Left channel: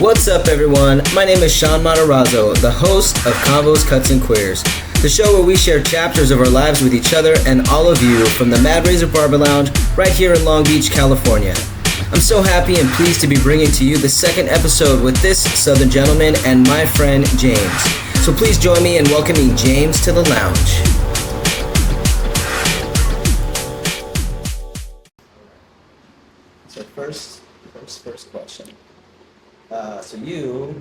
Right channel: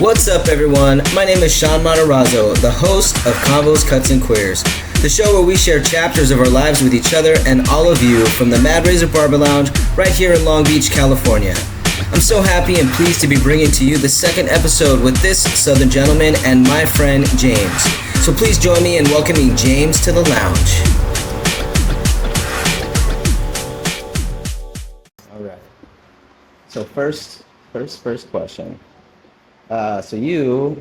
What's up, everyone? My name is Sean Matarazzo, the host of Convos, Cuts, and Queers, the show where we share chapters of our lives with each other and all of you from the Mad Razor Barber Lounge right here in Long Beach, California. I'm so happy and pleased to be bringing to you the second episode with this Southern gentleman and my friend James. So please join me in welcoming James to the lounge. All right. So first question. So you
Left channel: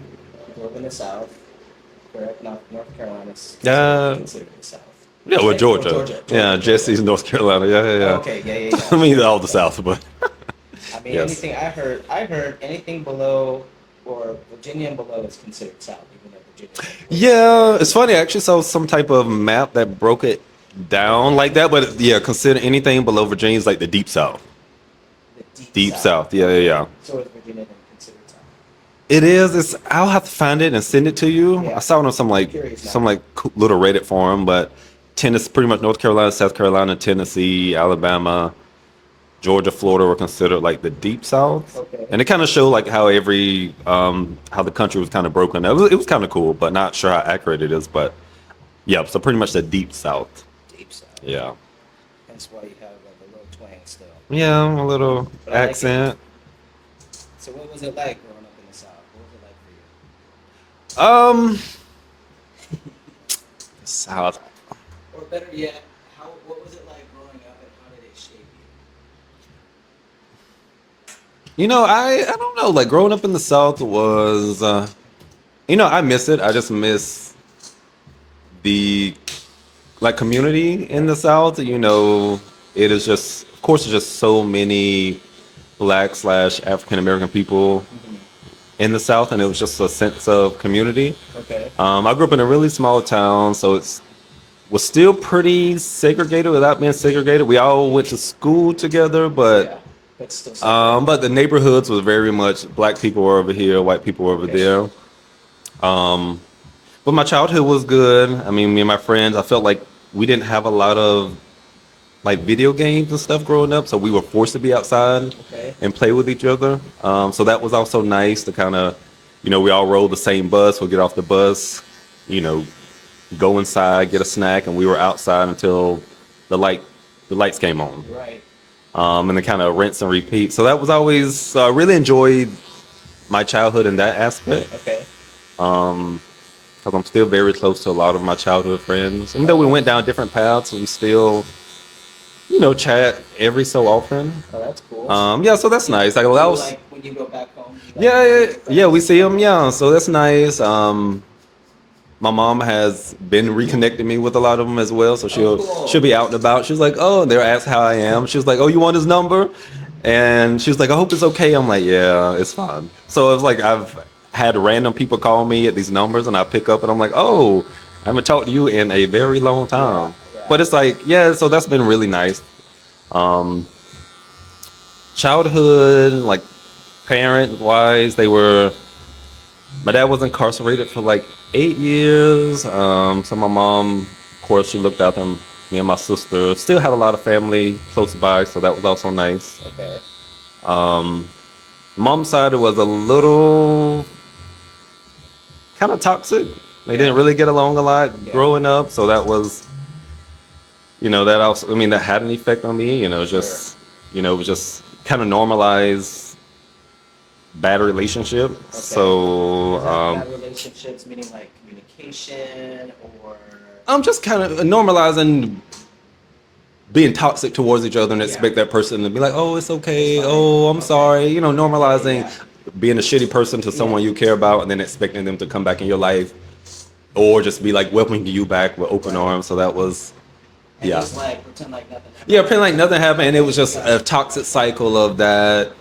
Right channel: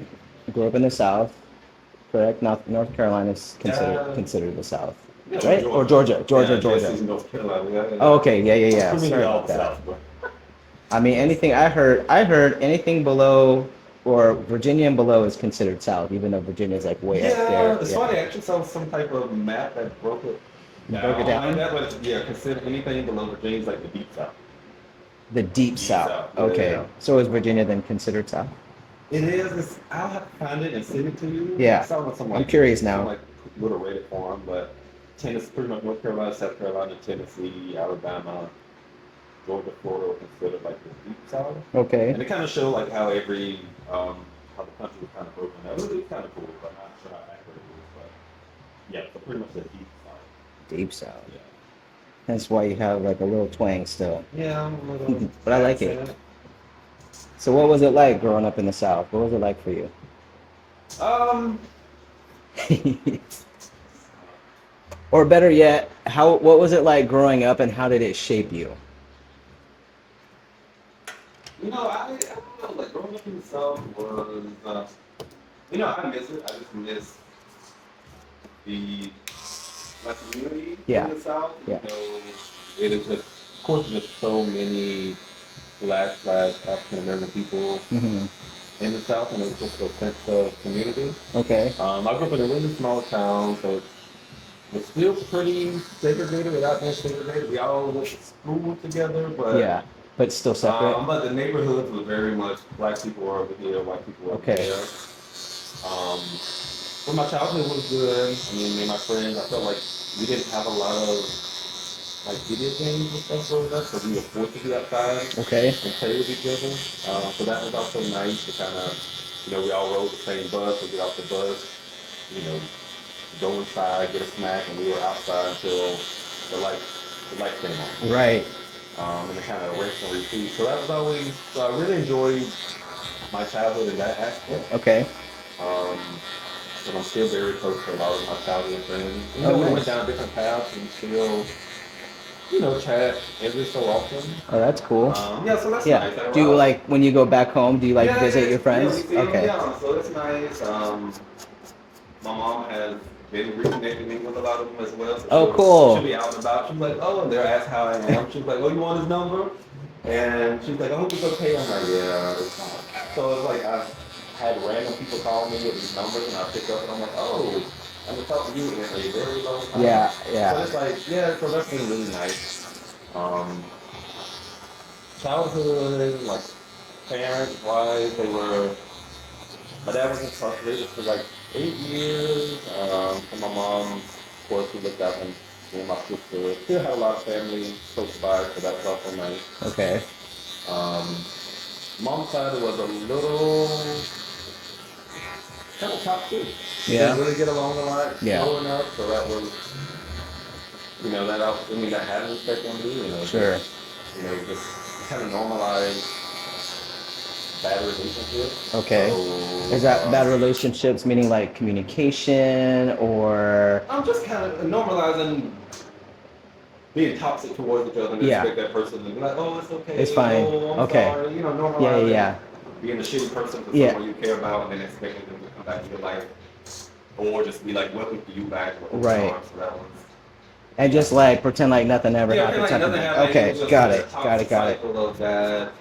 grew up in the South, correct? North Carolina is considered the South. Yeah, well, right? Georgia. Georgia. Jesse's North Carolina. Yeah. Oh, okay, yeah. I mean, Sure. all the South, but I mean, yes. anything I heard anything below or Virginia and below is considered South, even though Virginia's like way up there. It's funny. I actually saw some type of map that broke it down like that, but yeah, consider anything below Virginia is like the Deep South. The deep South. Yeah, Okay. yeah. So is Virginia then considered South? It is. I'll have to find it and send it to you. Yeah. I saw it on some I'm curious now. some cool little Reddit forum, but Tennessee, pretty much North Carolina, South Carolina, Tennessee, Alabama, Georgia, Florida were considered like the Deep South. Okay. And it kind of showed like how how the country was kind of broken. It was kind of cool, but not sure how accurate it is. But yeah, so pretty much the Deep South. Deep South. Yeah. That's why you have like a little twang still. Yeah, a little But I like it. accent. So what was it like growing up in the South? What was it like for you? South. Or better yet, what was it like growing up and how did it shape you? You know, I don't know. Like growing up in the South was, I miss it. I just miss the community in the South. You know, it is just, of course, there's just so many Black/African American people in the South, and it was just a sense of community. Okay. I grew up in a really small town, so was still pretty segregated without being segregated. We all went to school together, but still separate. but the neighborhoods was very much Black people were over here, white people were over there. But my childhood was good. I mean, me and my friends, I felt like we didn't have a lot of like video games and stuff growing up, so we were forced to be outside and play with each other. So that was also nice to kind of, we all rode the same bus. We'll get off the bus, go inside, get a snack, and we were outside until the lights came on. Right. And then kind of rinse and repeat. So that was always really enjoyed my childhood in that aspect. Okay. Because I'm still very close to a lot of my childhood friends. Even though we went down different paths, we still, chat every so often. Oh, that's cool. So that's nice. Like when you go back home, do you visit your friends? Yeah, we see them. Yeah, so that's nice. My mom has been reconnecting me with a lot of them as well. So she'll be out and about. She's like, oh, they'll ask how I am. She's like, oh, you want his number? And she was like, I hope it's okay. I'm like, yeah, it's fine. So it's like I've had random people call me at these numbers, and I pick up, and I'm like, oh, I haven't talked to you in a very long time. Yeah. But it's like, so that's been really nice. Childhood, like parent-wise, my dad was incarcerated for like 8 years. So my mom, of course, she looked after me and my sister. Still had a lot of family close by, so that was also nice. Okay. Mom's side was a little kind of toxic. We didn't really get along a lot growing up, so that was, that also, that had an effect on me. It was just, it was just kind of normalized bad relationship. Okay. So is that bad relationships meaning like communication or? I'm just kind of normalizing being toxic towards each other and expect that person to be like, oh, it's okay. Oh, I'm sorry. Normalizing being a shitty person to someone you care about and then expecting them to come back in your life. Or just be like welcoming you back with open arms. So that was. And just like pretend like nothing ever happened. Yeah, pretend like nothing happened. And it was just a toxic cycle of that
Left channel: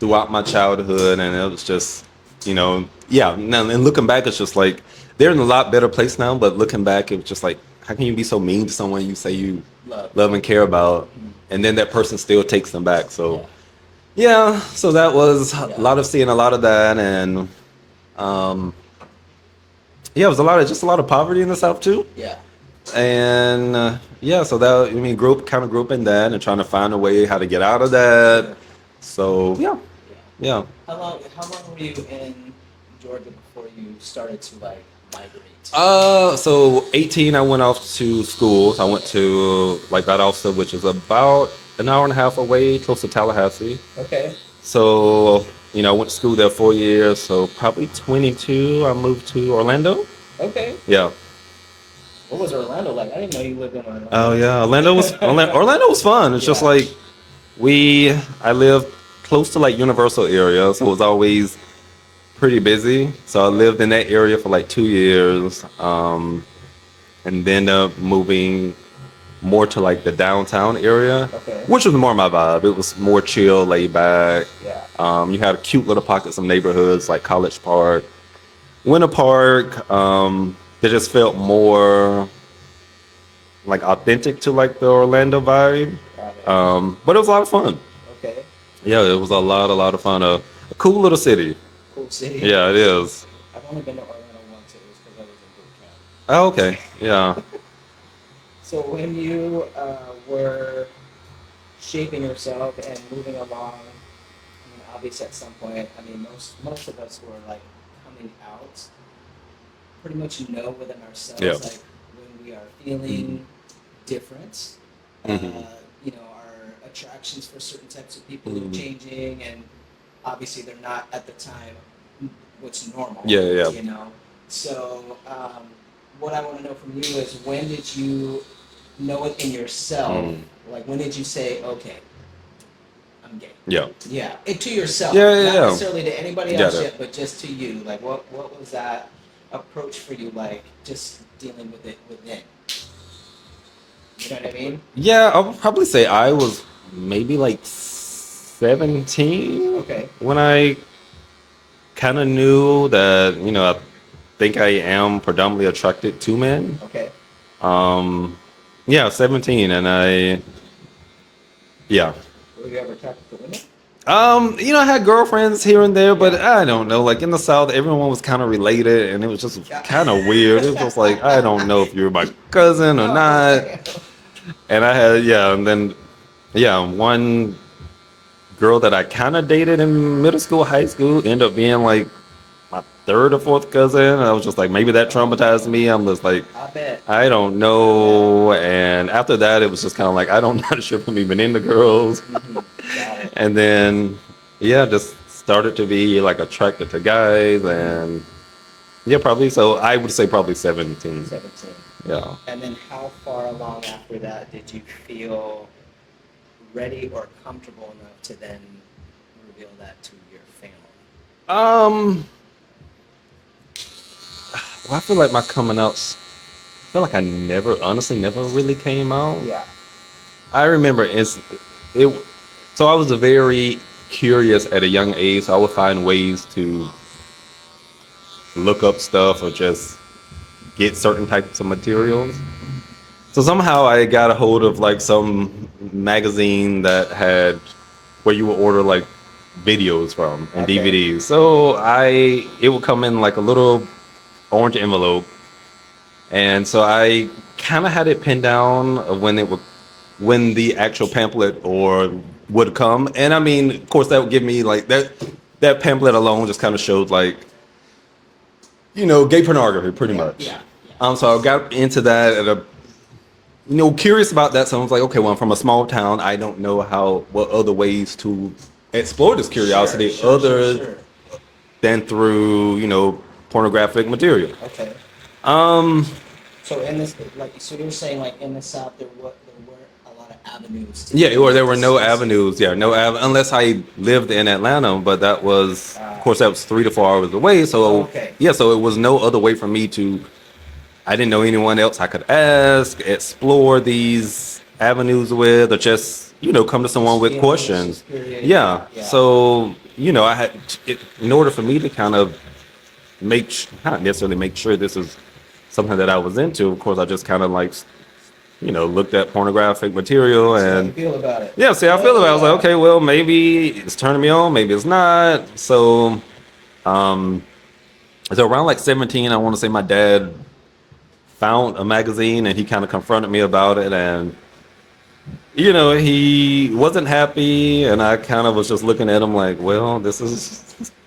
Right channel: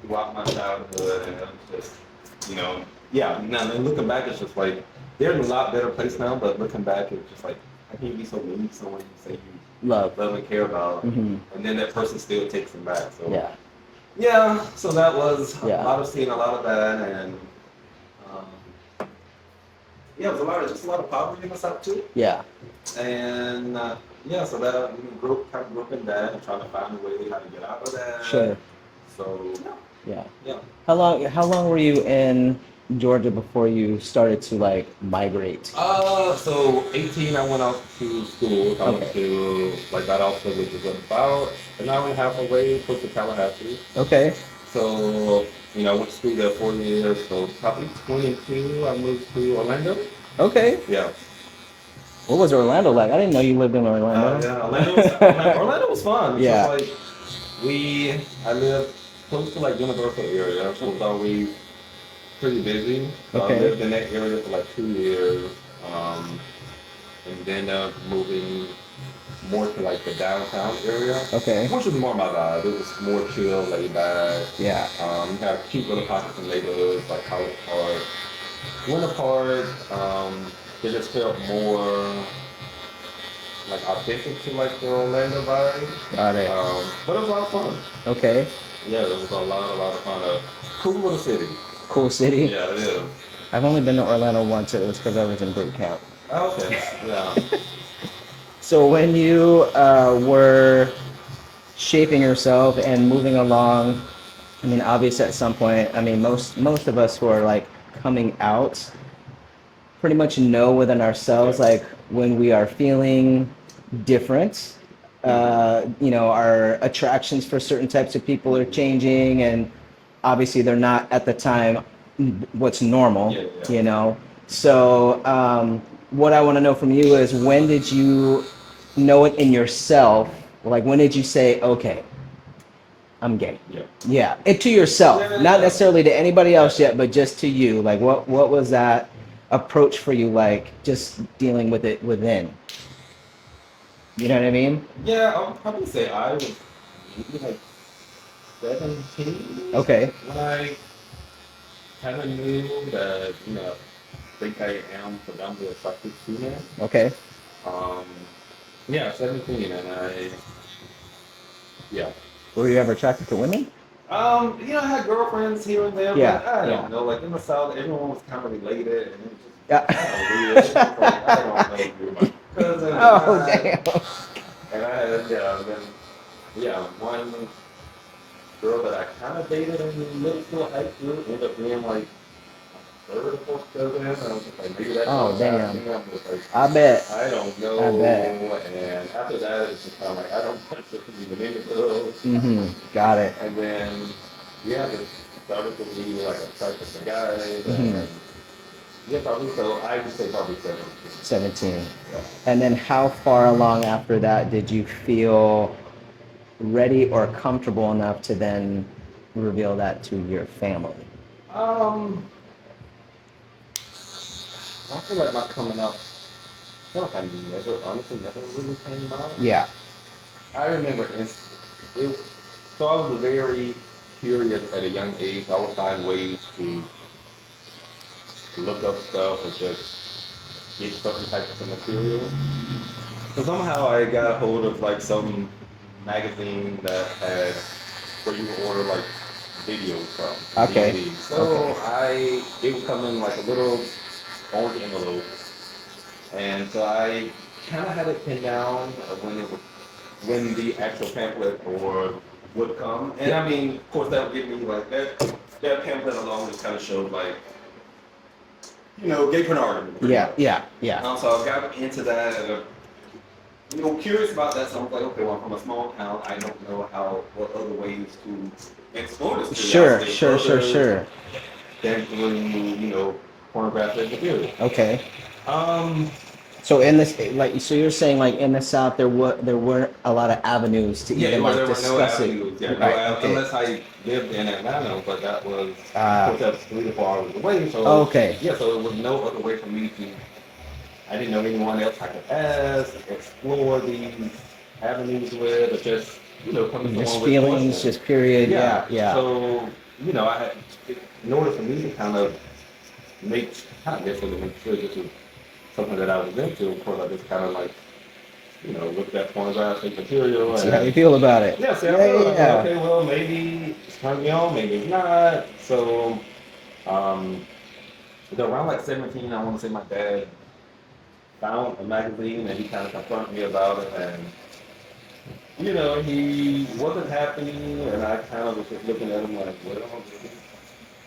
throughout my childhood. And it was just, now, and looking back, it's just like they're in a lot better place now. But looking back, it was just like, how can you be so mean to someone you say you love and care about? And then that person still takes them back. So, so that was a lot of seeing a lot of that. And, it was a lot of poverty in the South too. Yeah. And so that grew up in that and trying to find a way how to get out of that. Sure. So Yeah. Yeah. How long were you in Georgia before you started to like migrate? So 18, I went off to school. So I went Okay. to like Valdosta, which is about an hour and a half away, close to Tallahassee. Okay. So, I went to school there 4 years. So probably 22, I moved to Orlando. Okay. Yeah. What was Orlando like? I didn't know you lived in Oh Orlando. yeah, Orlando was fun. It's just Yeah. like I live close to like Universal area, so it was always pretty busy. So I Okay. lived in that area for like 2 years, and then moving more to like the downtown area, Okay. which was more my vibe. It was more chill, laid back. Yeah. You had cute little pockets of neighborhoods like College Park, Winter Park. That just felt more like authentic to like the Orlando vibe. Got it. But it was a lot of fun. Okay. Yeah, it was a lot of fun. A cool little city. Cool city. Yeah, it is. I've only been to Orlando once. It was because I was in boot camp. Oh, okay. Yeah. So when you were shaping yourself and moving along, I mean, obviously at some point, I mean, most of us who are like coming out pretty much know within ourselves, Yeah. like when we are feeling different, our attractions for certain types of people are changing, and obviously they're not at the time what's normal. Yeah, yeah. So what I want to know from you is, when did you know it in yourself? Like, when did you say, okay, I'm gay? Yeah. Yeah, it to yourself, Yeah, not yeah. necessarily to anybody else Got it. yet, but just to you. Like, what was that approach for you? Like, just dealing with it within. You know what I mean? Yeah, I would probably say I was maybe like 17 Okay. when I kind of knew that, I think I am predominantly attracted to men. Okay. Yeah, 17, and yeah. Were you ever attracted to women? I had girlfriends here and there, but Yeah, I don't know. Like in the South, everyone was kind of related, and it was just Yeah. kind of weird. It was like, I don't know if you're my cousin or Oh, not. damn. And I had, and then, one girl that I kind of dated in middle school, high school, ended up being like my third or fourth cousin. I was just like, maybe that Oh, traumatized damn. me. I'm just like, I bet. I don't know. And after that, it was just kind of like, I don't know if I'm even into girls. Got it. And then, just started to be like attracted to guys. And probably, so I would say probably 17. 17. Yeah. And then how far along after that did you feel ready or comfortable enough to then reveal that to your family? Well, I feel like my coming outs, I feel like I honestly never really came out. Yeah. I remember so I was a very curious at a young age. So I would find ways to look up stuff or just get certain types of materials. So somehow I got a hold of like some magazine that had where you would order like videos from and Okay. DVDs. So it would come in like a little orange envelope, and so I kind of had it pinned down of when the actual pamphlet would come. And I mean, of course, that would give me like that pamphlet alone just kind of showed like gay pornography pretty much. Yeah. So I got into that at curious about that. So I was like, okay, well, I'm from a small town. I don't know what other ways to explore this curiosity Sure. than through pornographic material. Okay. So so you're saying like in the South there weren't a lot of avenues to. Yeah, there were no discuss it. avenues. Yeah, no Right. unless I lived in Atlanta, but that was, of course, that was 3 to 4 hours away. So Okay. yeah, so it was no other way for me to. I didn't know anyone else I could ask, explore these avenues with, or just come to someone with feelings, questions. just period. Yeah. Yeah. So I had in order for me to kind of not necessarily make sure this is something that I was into. Of course, I just kind of like looked at pornographic material See how you and feel about it. yeah, see, I feel it. I was like, okay, well, maybe it's turning me on, maybe it's not. So, so around like 17, I want to say my dad found a magazine and he kind of confronted me about it, and he wasn't happy, and I kind of was just looking at him like, well, this is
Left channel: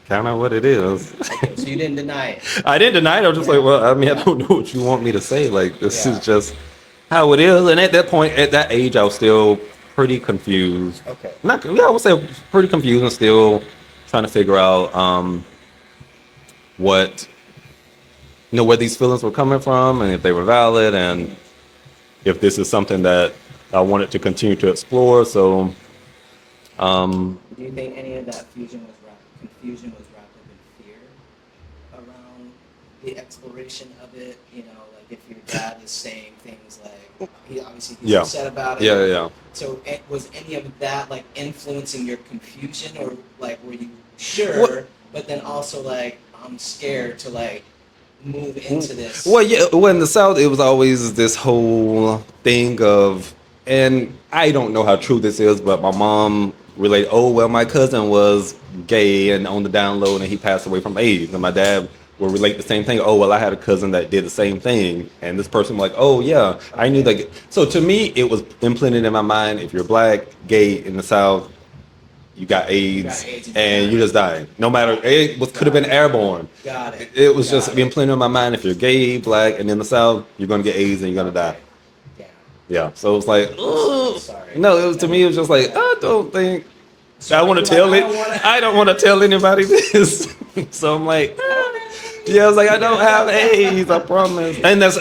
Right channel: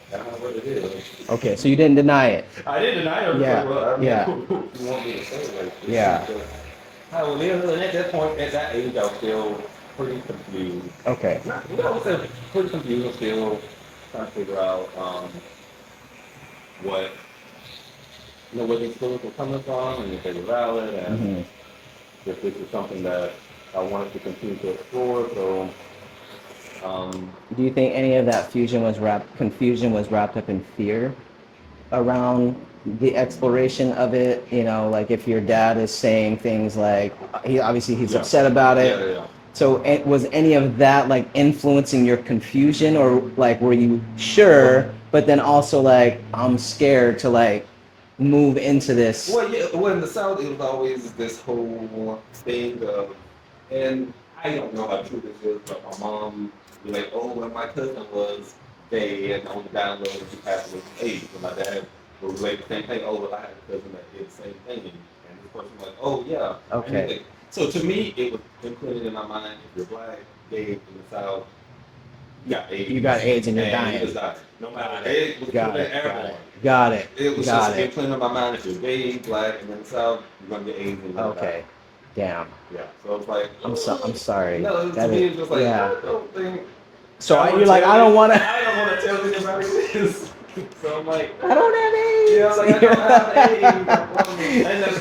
kind of what it is. Okay, so you didn't deny it. I didn't deny it. I was just Yeah. like, well, I mean, Yeah. I don't know what you want me to say. Like, this Yeah. is just how it is. And at that point, at that age, I was still pretty confused. Okay. I would say pretty confused and still trying to figure out what, where these feelings were coming from and if they were valid and if this is something that I wanted to continue to explore. So, Do you think any of that confusion was wrapped up in fear around the exploration of it? Like if your dad is saying things like, he's Yeah. upset about it. yeah. So was any of that like influencing your confusion, or like were you sure, but then also like I'm scared to like move into this? Well, yeah. Well, in the South, it was always this whole thing of, and I don't know how true this is, but my mom relayed, oh, well, my cousin was gay and on the down low, and he passed away from AIDS. And my dad will relate the same thing. Oh, well, I had a cousin that did the same thing, and this person was like, oh, yeah, I knew that. So to me, it was implanted in my mind: if you're black, gay in the South, you got AIDS, and you just died. No matter, could have been airborne. Got it. It was just implanted in my mind: if you're gay, black, and in the South, you're gonna get AIDS and you're gonna die. Damn. Yeah. So it was like, I'm sorry. No, it was to me. It was just like, I don't think. So I want to tell. I don't want to tell anybody this. So I'm like, I don't have AIDS. yeah. I was like, I don't have AIDS. I promise.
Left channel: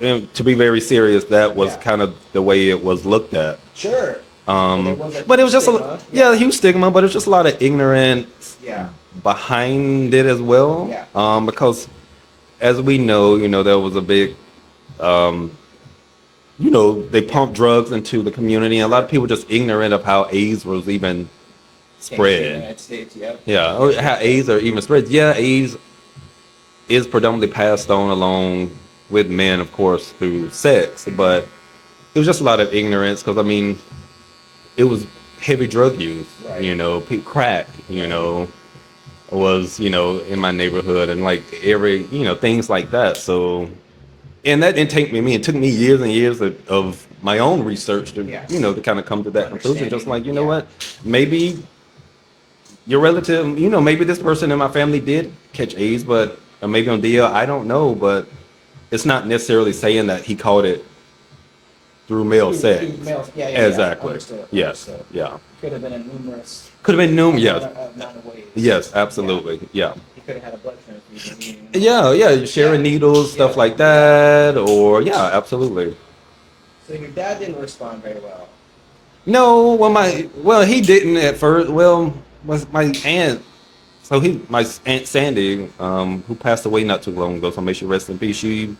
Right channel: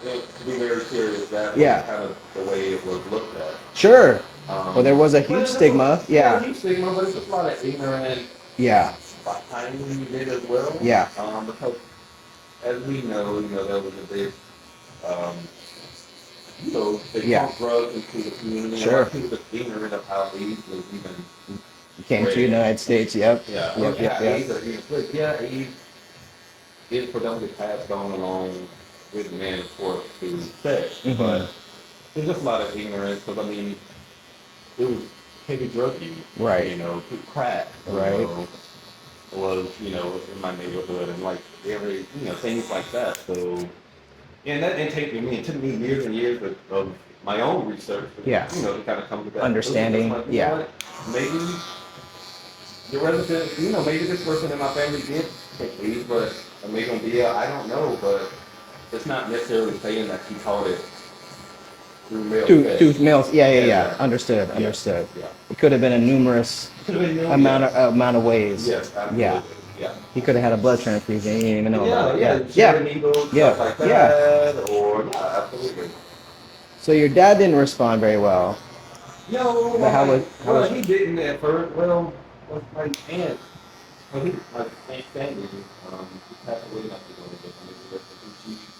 And to be very serious, that was kind of the way it was looked at. Sure. Well, there was a huge but it was just stigma. a huge stigma, but it's just a lot of ignorance behind it as well. Yeah. Because as we know, there was a big, they pumped drugs into the community. And a lot of people just ignorant of how AIDS was even spread. Came to the United States, yep. Yeah, how AIDS are even spread. Yeah, AIDS is predominantly passed on along with men, of course, through sex. But it was just a lot of ignorance because, I mean, it was heavy drug use, right? Crack, was in my neighborhood, and like things like that. So, and that didn't take me. It took me years and years of my own research to to kind of come to that conclusion. Just like know what, maybe your relative, maybe this person in my family did catch AIDS, but or maybe on DL, I don't know, but it's not necessarily saying that he caught it through male sex. Through males, Exactly. Yeah. Understood. Yeah. It could have been a numerous amount of ways. Yes, absolutely. Yeah. He could have had a blood transfusion. You didn't even know. Yeah. Sharing needles, stuff like that, or absolutely. So your dad didn't respond very well. No, he didn't at first. Well, was my aunt. So my aunt Sandy, who passed away not too long ago. So may she rest in peace. She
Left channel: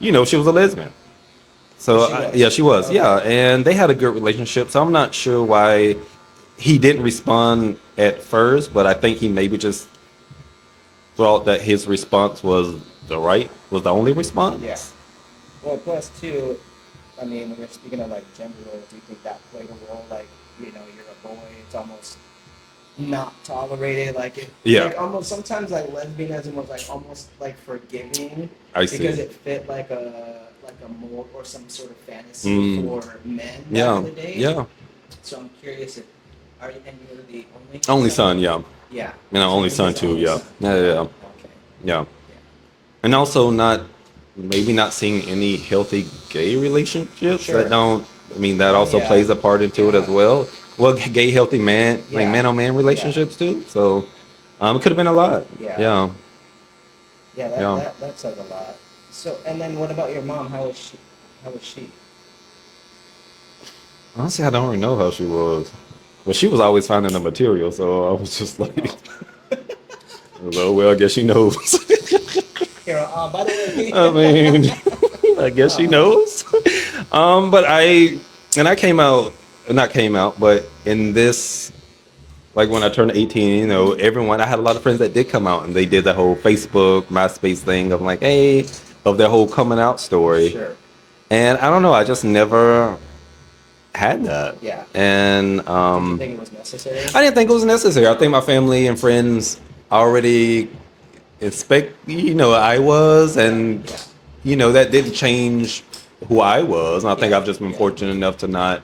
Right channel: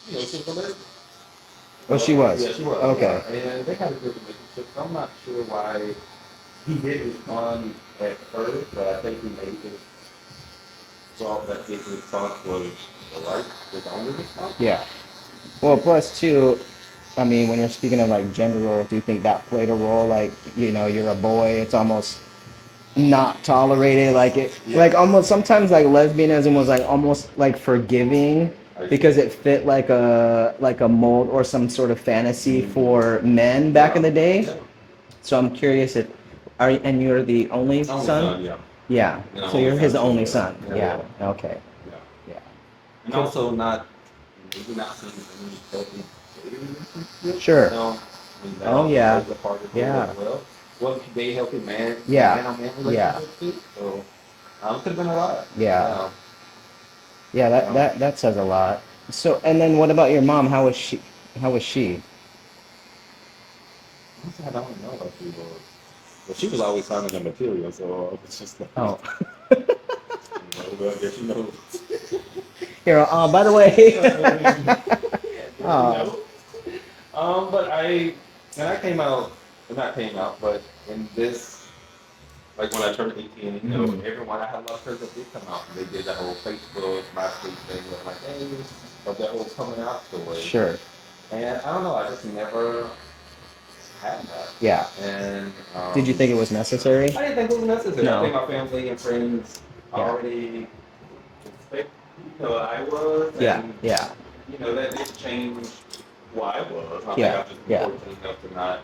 was a lesbian. So she was. She was. Okay. Yeah, and they had a good relationship. So I'm not sure why he didn't respond at first, but I think he maybe just thought that his response was the only response. Yeah. Well, plus too, I mean, when you're speaking of like gender roles, do you think that played a role? Like, you're a boy, it's almost not tolerated. Like like almost sometimes like lesbianism was like almost like forgiving. Because it fit like a mold or some sort of fantasy for men back in the day. Yeah. So I'm curious and you're the only son? Yeah. Yeah. And so only son his too. Only Yeah. son. Yeah. Okay. Yeah. Yeah. And also maybe not seeing any healthy gay relationships. Sure. That also plays a part into it as well. Well, gay healthy man, like man on man relationships too. So it could have been a lot. Yeah. Yeah, that says a lot. So, and then what about your mom? How was she? Honestly, I don't really know how she was. Well, she was always finding the material, so I was just like, well, I guess she knows. Here, by the way. I mean, I guess she knows. But I came out, but in this, like when I turned 18, I had a lot of friends that did come out and they did the whole Facebook, MySpace thing of like, hey, of their whole coming out story. Sure. And I don't know, I just never had that. Yeah. And did you think it was necessary? I didn't think it was necessary. No. I think my family and friends already expect, I was, and that didn't change who I was. And I think I've just been fortunate enough to not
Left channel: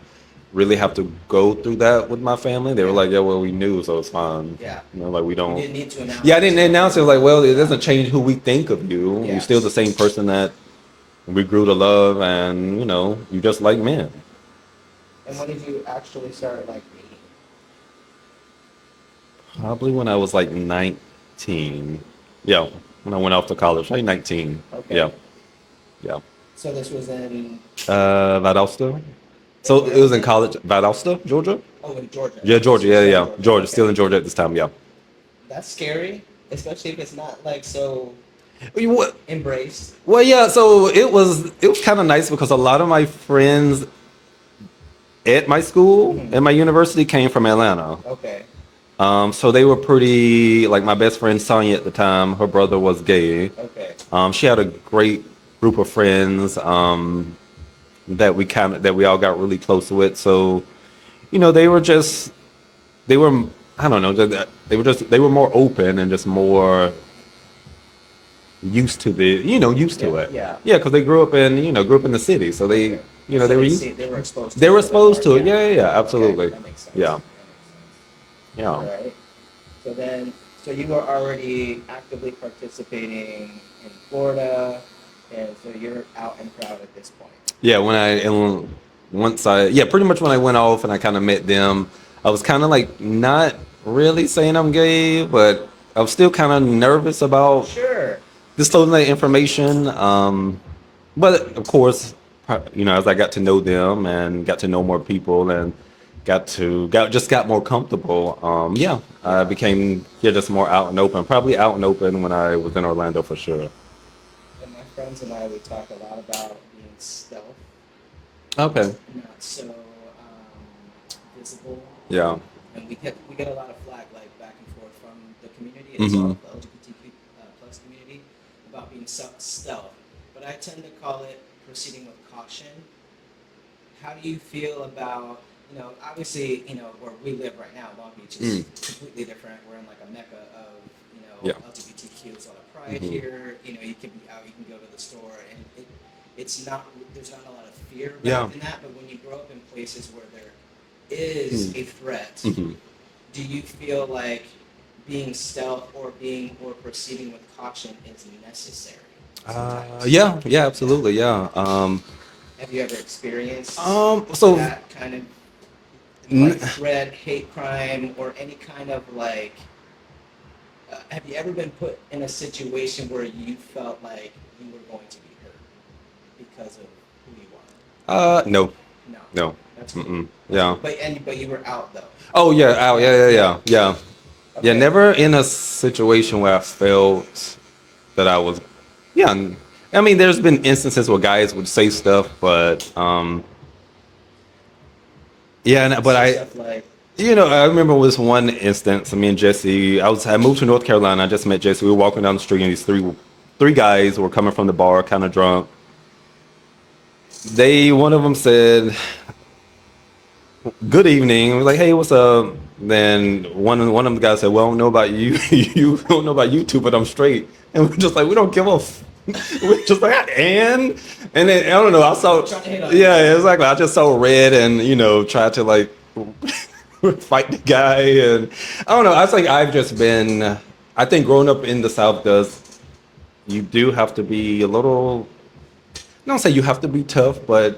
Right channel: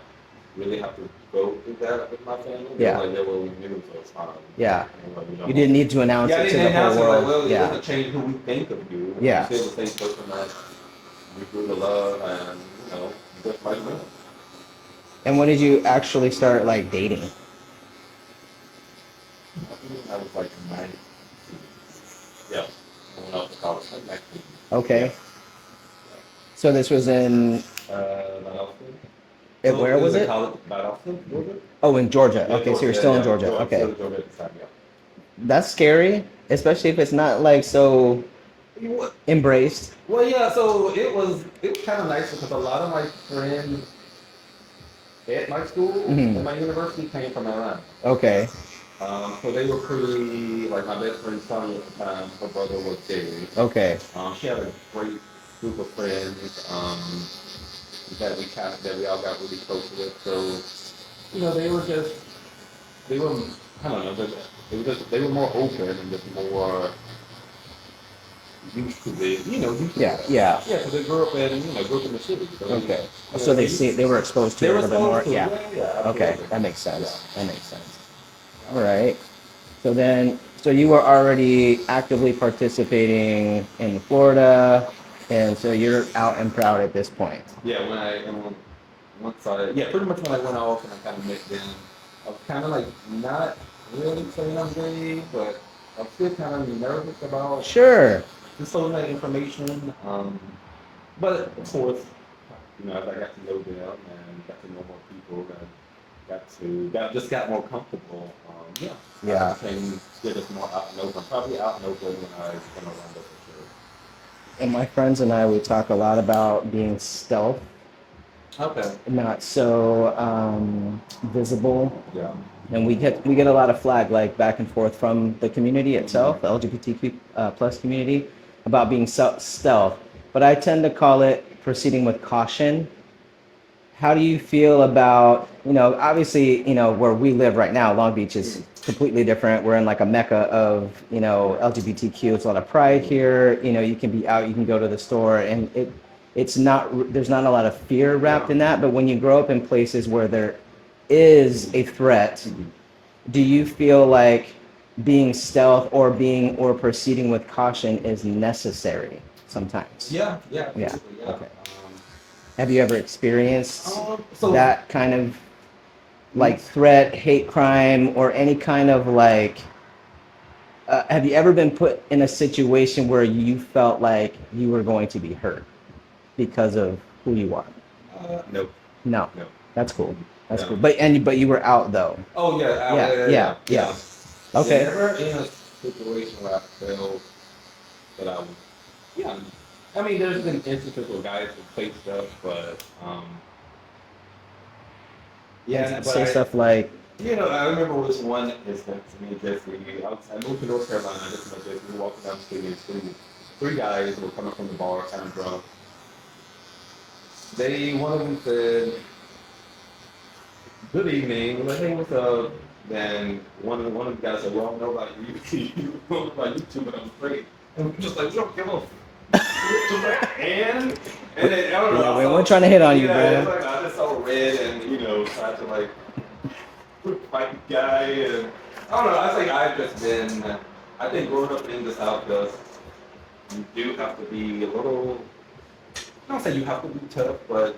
really have to go through that with my family. They were Yeah. like, yeah, well, we knew, so it's fine. Yeah. You know, like we You don't. didn't need to announce Yeah, I it to didn't the announce it. whole Like, well, world. it Yeah. doesn't change who we think of you. Yeah. You're still the same person that we grew to love, and you know, you just like men. And when did you actually start like dating? Probably when I was like 19. Yeah, when I went off to college, like 19. Okay. Yeah, yeah. So this was in Valdosta. and So where it was was in it? college, Valdosta, Georgia. Oh, in Georgia. Yeah, Okay, so Georgia. you're Yeah, still in yeah. Georgia. Georgia, Okay. still in Georgia at this time. Yeah. That's scary, especially if it's not like so What? embraced. Well, yeah. So it was kind of nice because a lot of my friends at my school Mm-hmm. and my university came from Atlanta. Okay. So they were pretty like my best friend Sonia at the time. Her brother was gay. Okay. She had a great group of friends that we all got really close with. So, you know, they were I don't know they were more open and just more used to used Yeah. to it. Yeah. Yeah, because they grew up in the city, so they Okay. you know So they were they were exposed to they it were a little bit exposed more. to it. Yeah, yeah, yeah, absolutely. Okay. That makes sense. Yeah, That makes sense. yeah. All right. So you were already actively participating in Florida, and so you're out and proud at this point. Yeah, pretty much when I went off and I kind of met them, I was kind of like not really saying I'm gay, but I was still kind of nervous about Sure. disclosing that information. But of course, as I got to know them and got to know more people and got more comfortable. Yeah. I became just more out and open. Probably out and open when I was in Orlando for sure. And my friends and I, we talk a lot about being stealth, Okay. not so visible. Yeah. And we get a lot of flag like back and forth from the community itself, the LGBTQ plus community, about being stealth. But I tend to call it proceeding with caution. How do you feel about, obviously, where we live right now, Long Beach is completely different. We're in like a mecca of, LGBTQ. It's a lot of pride here. You can be out, you can go to the store, and there's not a lot of fear wrapped in that. But when you grow up in places where there is a threat, do you feel like being stealth or proceeding with caution is necessary sometimes? Yeah, absolutely, yeah. Have you ever experienced So that kind of like threat, hate crime, or any kind of like? Have you ever been put in a situation where you felt like you were going to be hurt because of who you are? No, No. no. That's cool. Mm-mm. That's Yeah. cool. But you were out though. Oh yeah, out. Yeah. Yeah. Okay. Yeah, never in a situation where I felt that I was. Yeah, I mean, there's been instances where guys would say stuff, but Stuff like. I remember this one instance. Me and Jesse, I moved to North Carolina. I just met Jesse. We were walking down the street, and these three guys were coming from the bar, kind of drunk. One of them said, "Good evening." We're like, "Hey, what's up?" Then one of them guys said, "Well, I don't know about you. You don't know about you two, but I'm straight." And we're just like, we don't give a. We're just like, and then I don't know. I saw We're trying to hit on you. Yeah, exactly. I just saw red and tried to like fight the guy, and I don't know. I think I've just been. I think growing up in the South you do have to be a little. I don't say you have to be tough, but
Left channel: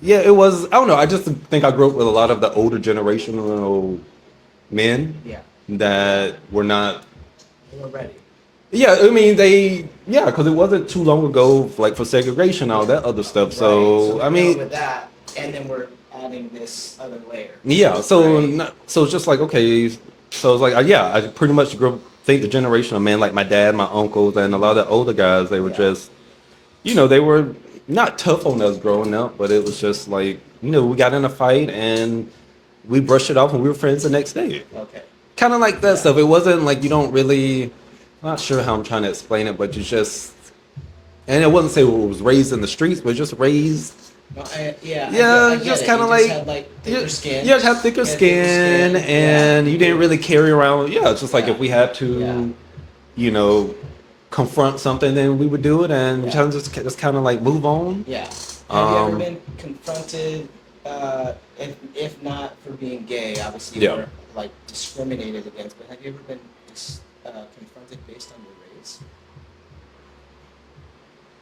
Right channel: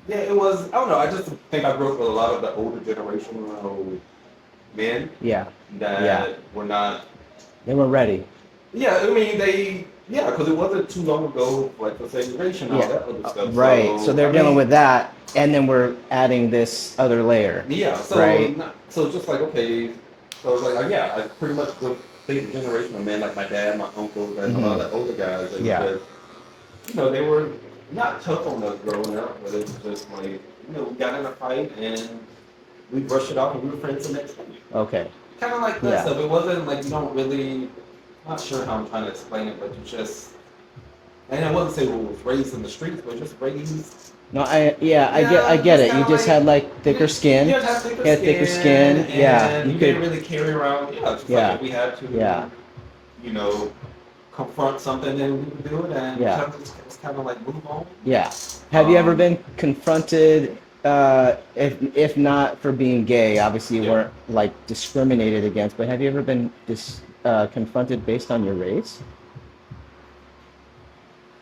yeah, it was. I don't know. I just think I grew up with a lot of the older generational men. Yeah. That were not. They were ready. Yeah, I mean because it wasn't too long ago, like for segregation, all that other stuff. Right. So they're dealing with that, and then we're adding this other layer. Yeah. So right? So it's just like okay. So it's like I pretty much think the generation of men like my dad, my uncles, and a lot of the older guys, they were just, they were not tough on us growing up, but it was just like we got in a fight and we brushed it off and we were friends the next day. Okay. Kind of like that stuff. It wasn't like you don't really. Not sure how I'm trying to explain it, but you just, and it wasn't say it was raised in the streets, but just raised. No, I get it. You just had like thicker skin. Yeah, just have thicker skin, and you didn't really carry around. Yeah, it's just like if we had to, confront something, then we would do it, and just kind of like move on. Yeah. Have you ever been confronted if not for being gay, obviously you Yeah. weren't like discriminated against, but have you ever been confronted based on your race?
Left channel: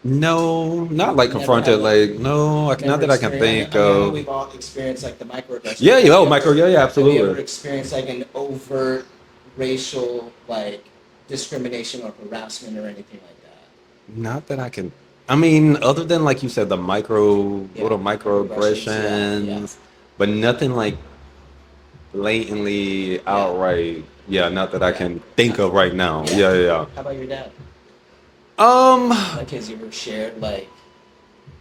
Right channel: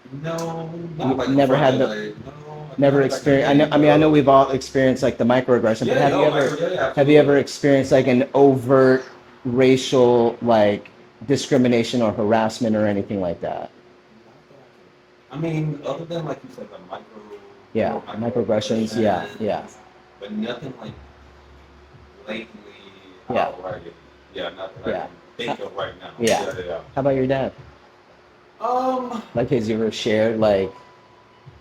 No, not You like never had confronted. the Like no, not never that I can experienced. think I know of. we've all experienced like the microaggression. Yeah, But yeah, oh, micro, yeah, yeah, have you ever absolutely. experienced like an overt racial like discrimination or harassment or anything like that? Not that I can. I mean, other than like you said, the Yeah, little microaggressions. Yeah, yeah, microaggressions, but nothing like blatantly yeah, outright. Yeah, not that I yeah, can think of right now. yeah. Yeah, yeah, How about your dad? yeah. Like, has you ever shared like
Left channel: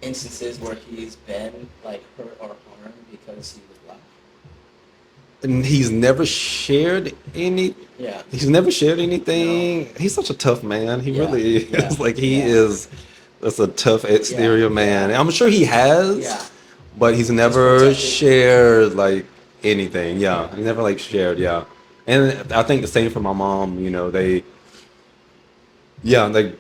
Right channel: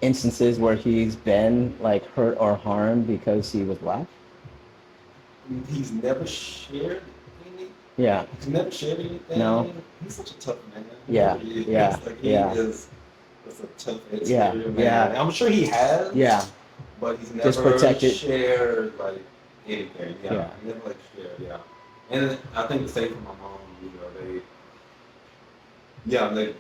instances where he's been like hurt or harmed because he was black? And he's never shared any. Yeah. He's never shared No. anything. He's such a tough man. He Yeah. really Yeah. is. Like he Yeah. is. That's a tough Yeah. exterior man. Yeah. I'm sure he has, Yeah. but he's Just never protected. shared like anything. Yeah, Yeah. he never like shared. Yeah, and I think the same for my mom. You know, yeah, like,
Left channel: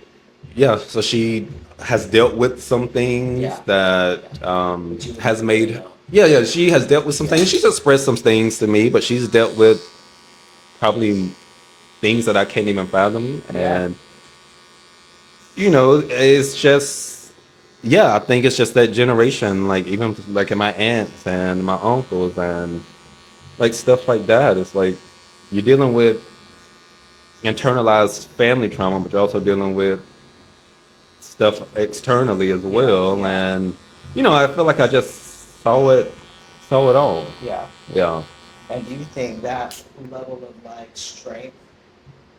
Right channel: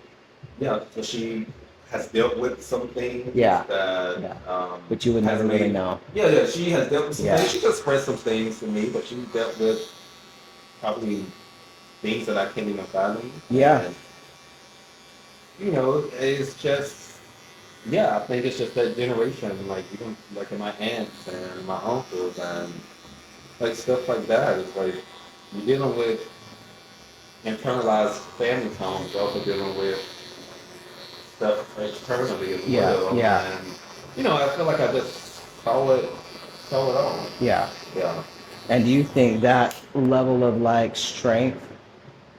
yeah. So she has dealt with some things Yeah. Yeah. that But you would has never really made. know. Yeah, yeah. She has dealt with some Yeah. things. She's expressed some things to me, but she's dealt with probably things that I can't even fathom. Yeah. And you know, it's just, yeah, I think it's just that generation, like even like in my aunts and my uncles and like stuff like that. It's like you're dealing with internalized family trauma, but you're also dealing with stuff externally as Yeah. well. Yeah. And you know, I feel like I just saw it all. Yeah. Yeah. And do you think that level of like strength,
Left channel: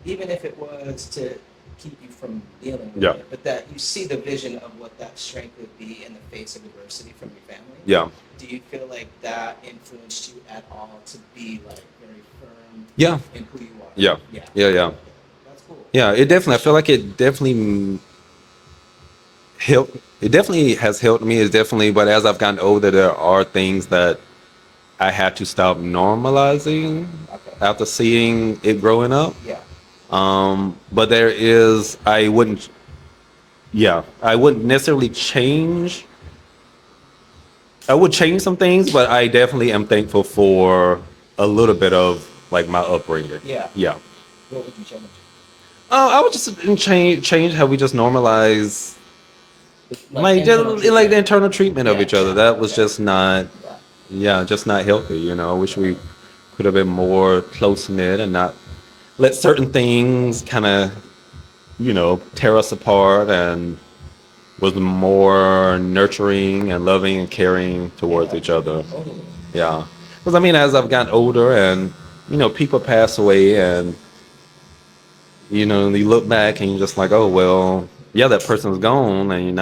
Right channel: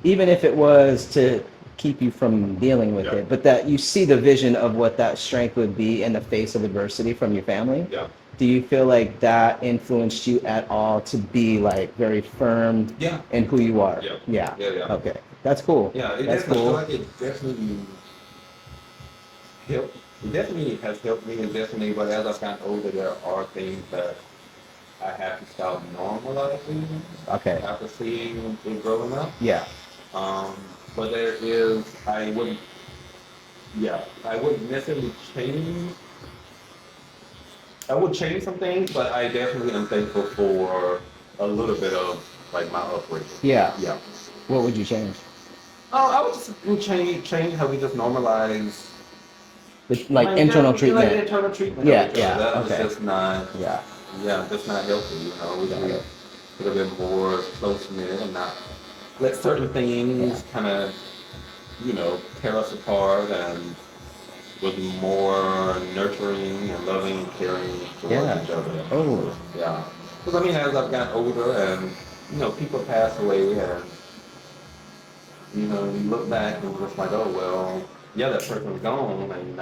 even if it was to keep you from dealing with Yeah. it, but that you see the vision of what that strength would be in the face of adversity from your family? Yeah. Do you feel like that influenced you at all to be like very firm Yeah. in who you are? Yeah. Yeah. Yeah. Yeah. Okay. That's cool. Yeah. It That's definitely, I feel cool. like it definitely helped. It definitely has helped me. It's definitely, but as I've gotten older, there are things that I had to stop normalizing Okay. after seeing it growing up. Yeah. But there is, I wouldn't, yeah, I wouldn't necessarily change. I would change some things, but I definitely am thankful for a little bit of like my upbringing. Yeah. Yeah. What would you change? I would just change how we just normalize Like internal treatment. like the internal treatment of Yeah, each other. yeah, That was okay. just not, Yeah. yeah, just not healthy. You know, I wish we Right. could have been more close knit and not let certain things kind of, you know, tear us apart, and was more nurturing and loving and caring towards Yeah. each other. Oh. Yeah. Because I mean, as I've gotten older and, you know, people pass away and, you know, you look back and you're just like, oh, well, yeah, that person's gone and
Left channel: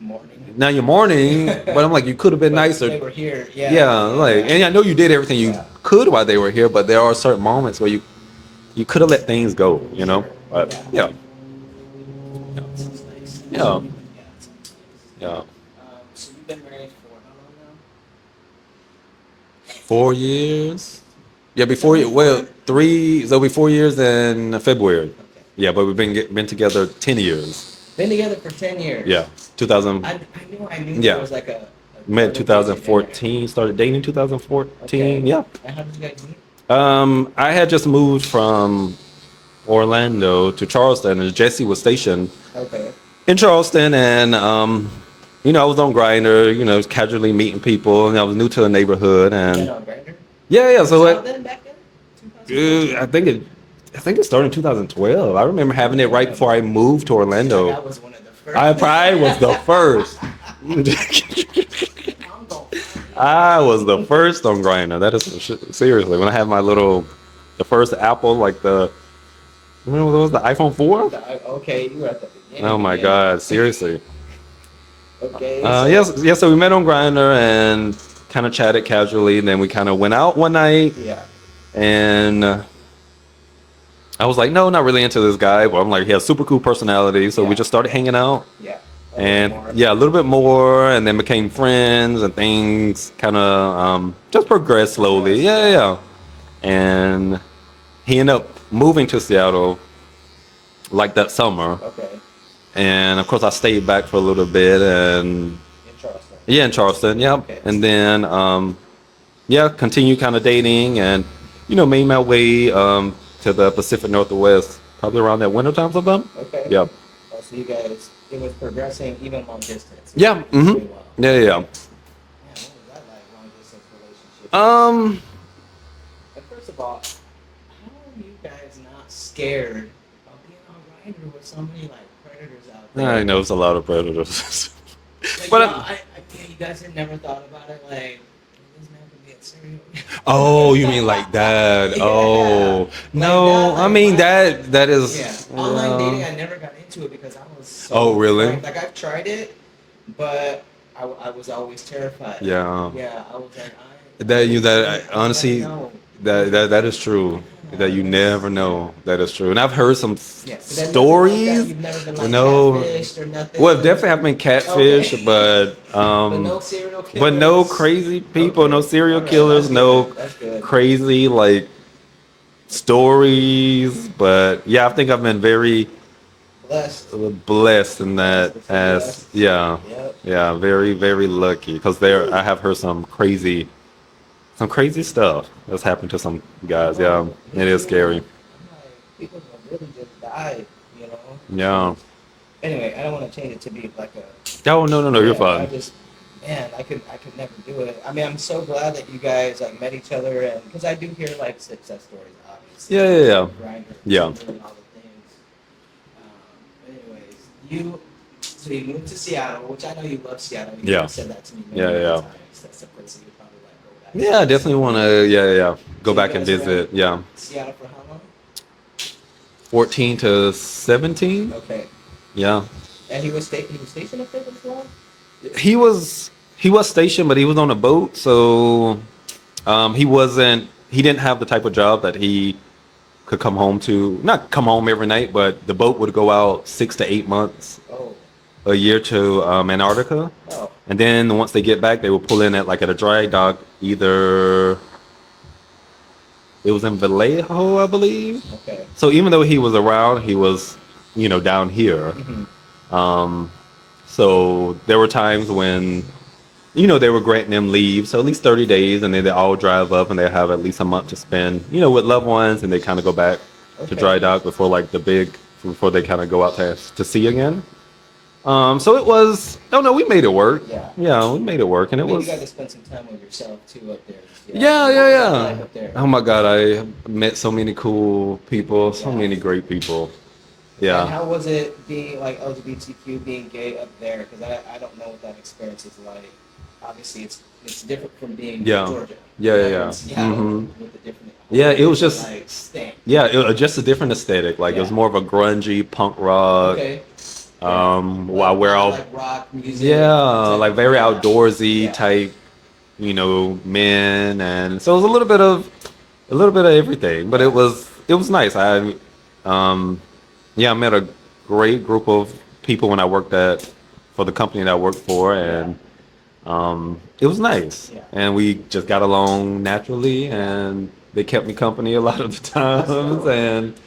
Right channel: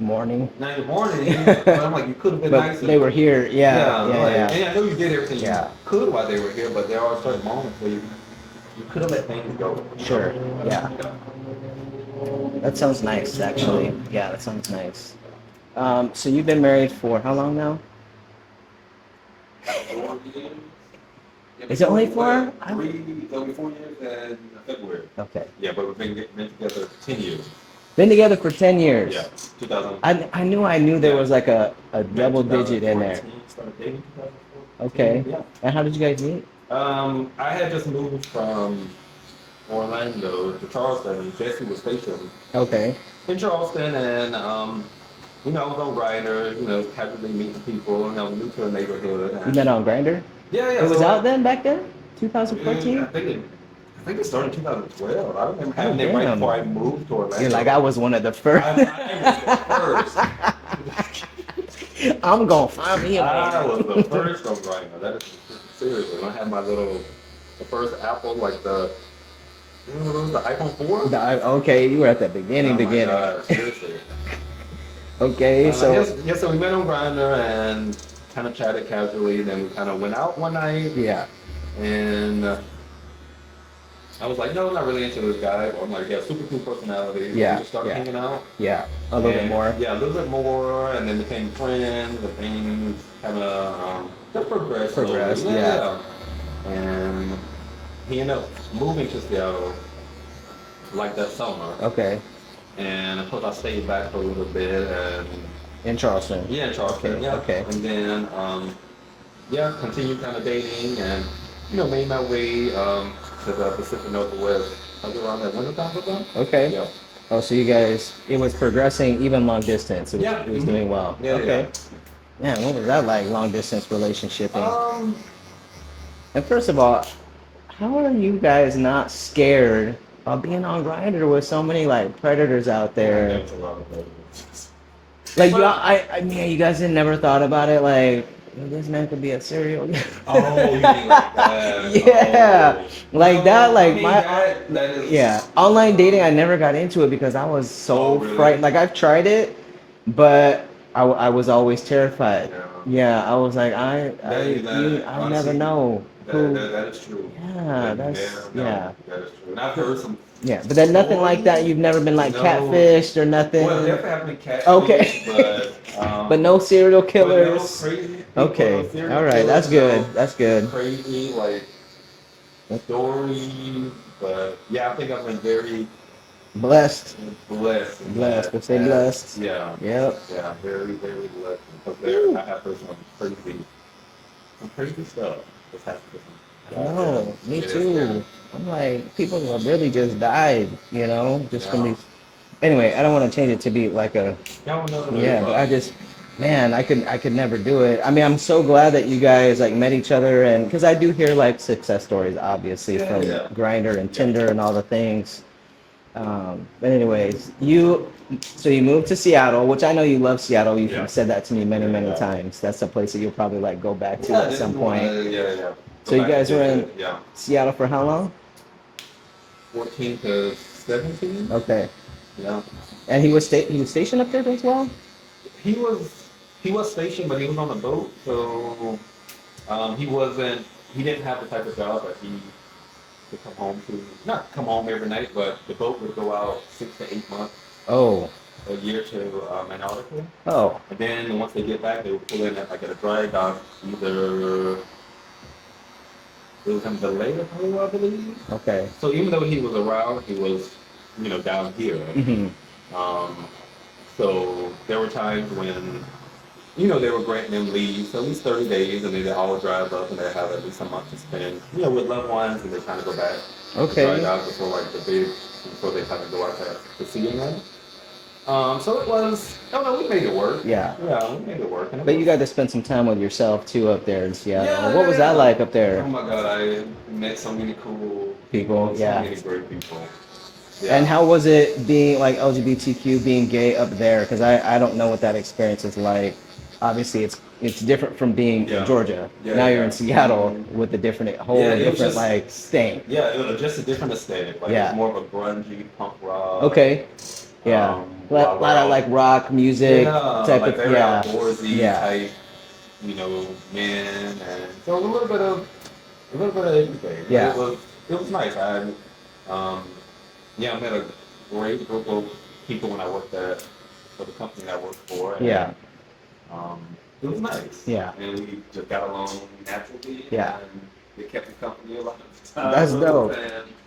Morning. now you're mourning, but I'm like, you could have been But nicer. they were here. Yeah. Yeah, Yeah. like, Yeah. and I know you did everything you Yeah. could while they were here, but there are certain moments where you could have let things go, you know? Sure. But, Yeah. yeah. That sounds nice, actually. Yeah, that sounds nice. Yeah. So you've been married for how long now? 4 years. Yeah, Is it before only well, 4? 3. So it'll be 4 years in February. Okay. Yeah, but we've been together 10 years. Been together for 10 years. Yeah, 2000. I knew there Yeah. was like a Met double digit in there. 2014. Started dating in 2014. Okay. Yeah. And how did you guys meet? I had just moved from Orlando to Charleston, and Jesse was stationed Okay. in Charleston, and you know, I was on Grindr, you know, casually meeting people, and I was new to the neighborhood, You and met on Grindr? yeah, yeah. It So was out like, then, back then? 2014? I think it started in 2012. I remember having it right damn. before I moved to You're Orlando. like, I was one of the first. I was the first. I'm going to find me a I was the first on Grindr. That is some shit. Seriously, when I had the first Apple, like remember what was the iPhone 4? Okay, you were at the beginning. Oh my God, seriously. Okay. Yes. So we met on Grindr and kind of chatted casually, and then we kind of went out one night, Yeah. and I was like, no, not really into this guy, but I'm like, he has super cool personality, so Yeah, we just started yeah. hanging out. Yeah. A little And bit more. yeah, a little bit more, and then became friends, and things kind of just progressed slowly. Progressed, Yeah, yeah. yeah. And he ended up moving to Seattle like that summer, Okay. and of course I stayed back for a little bit, and In Charleston. Yeah, in Charleston. Yeah. Okay. And then yeah, continue kind of dating and made my way to the Pacific Northwest probably around that winter time sometime. Okay. Yeah. Oh, so you guys, it was progressing even long distance. Yeah. It was doing well. Yeah, okay. yeah. Man, what was that like, long distance relationship? Um, And first of all, how are you guys not scared of being on Grindr with so many like predators out there? I know it's a lot of predators. Like, But I mean, you guys had never thought about it, like, this man could be a serial. oh, you mean like that? Yeah. Oh, Like no, that, like I mean my- that is Yeah, online dating, I never got into it because I was so. Oh, really? Like I've tried it, but I was always terrified. Yeah. Yeah, I was like, honestly, never know. that is true. Yeah, That you that's- never know. yeah. That is true. And I've heard some Yeah, but then nothing stories. like that. You've never been like No. catfished or nothing. Well, definitely have been catfish, Okay. but But no serial killers. but no crazy people, no Okay. serial All right, killers, that's no good. That's good. crazy like stories. But yeah, I think I've been very Blessed. blessed in that. Blessed, blessed. Yeah, Yep. yeah, very very lucky because I have heard some crazy stuff that's happened to some guys. Oh, Yeah, me it is too. scary. I'm like, people have really just died, just from Yeah. these- Anyway, I don't want to change it to be like a. Oh no, you're Yeah, fine. I just, man, I could never do it. I mean, I'm so glad that you guys like met each other, and because I do hear like success stories, obviously. Yeah, from yeah, yeah. Grindr and Yeah. Tinder and all the things. But anyways, you moved to Seattle, which I know you love Seattle. You've Yeah. said that to me many, Yeah, many yeah. times. That's a place that you'll probably like go back to. Yeah, I at definitely some want point. to. Yeah, go So back you and guys were visit. in Yeah, Seattle for how long? 14 to 17. Okay. Yeah, And he was stationed up there as well? he was stationed, but he was on a boat, so he didn't have the type of job that he could come home to. Not come home every night, but the boat would go out 6 to 8 months Oh. a year to Antarctica, Oh. and then once they get back, they would pull in at a dry dock. Either it was in Vallejo, I believe. Okay. So even though he was around, he was, down here. Mm-hmm. So there were times when, they were granting them leave, so at least 30 days, and then they all drive up and they have at least a month to spend, with loved ones, and they kind of go back to dry dock before they kind of go out to sea again. So it was, no, we made it work. Yeah. Yeah, we made it work, and it But was. you got to spend some time with yourself too up there in Seattle. Yeah, What yeah, was yeah. that like up there? Oh my God, I met so many cool people, so Yeah. many great people. Yeah. And how was it being like LGBTQ, being gay up there? Because I don't know what that experience is like. Obviously, it's different from being Yeah. in Georgia. Yeah, now yeah, you're in yeah. Seattle Mhm. with a different Yeah, it was different, just- like stank. Yeah, just a different aesthetic. Like it Yeah. was more of a grungy punk rock. Okay. Yeah. While we're all like rock music. yeah, type like of- very yeah. outdoorsy Yeah. type, men, and so it was a little bit of everything. But Yeah. it was nice. I met a great group of people when I worked for the company that I worked for, and it was nice. Yeah. And we just got along naturally, Yeah. and they kept me company a lot of the time. That's dope.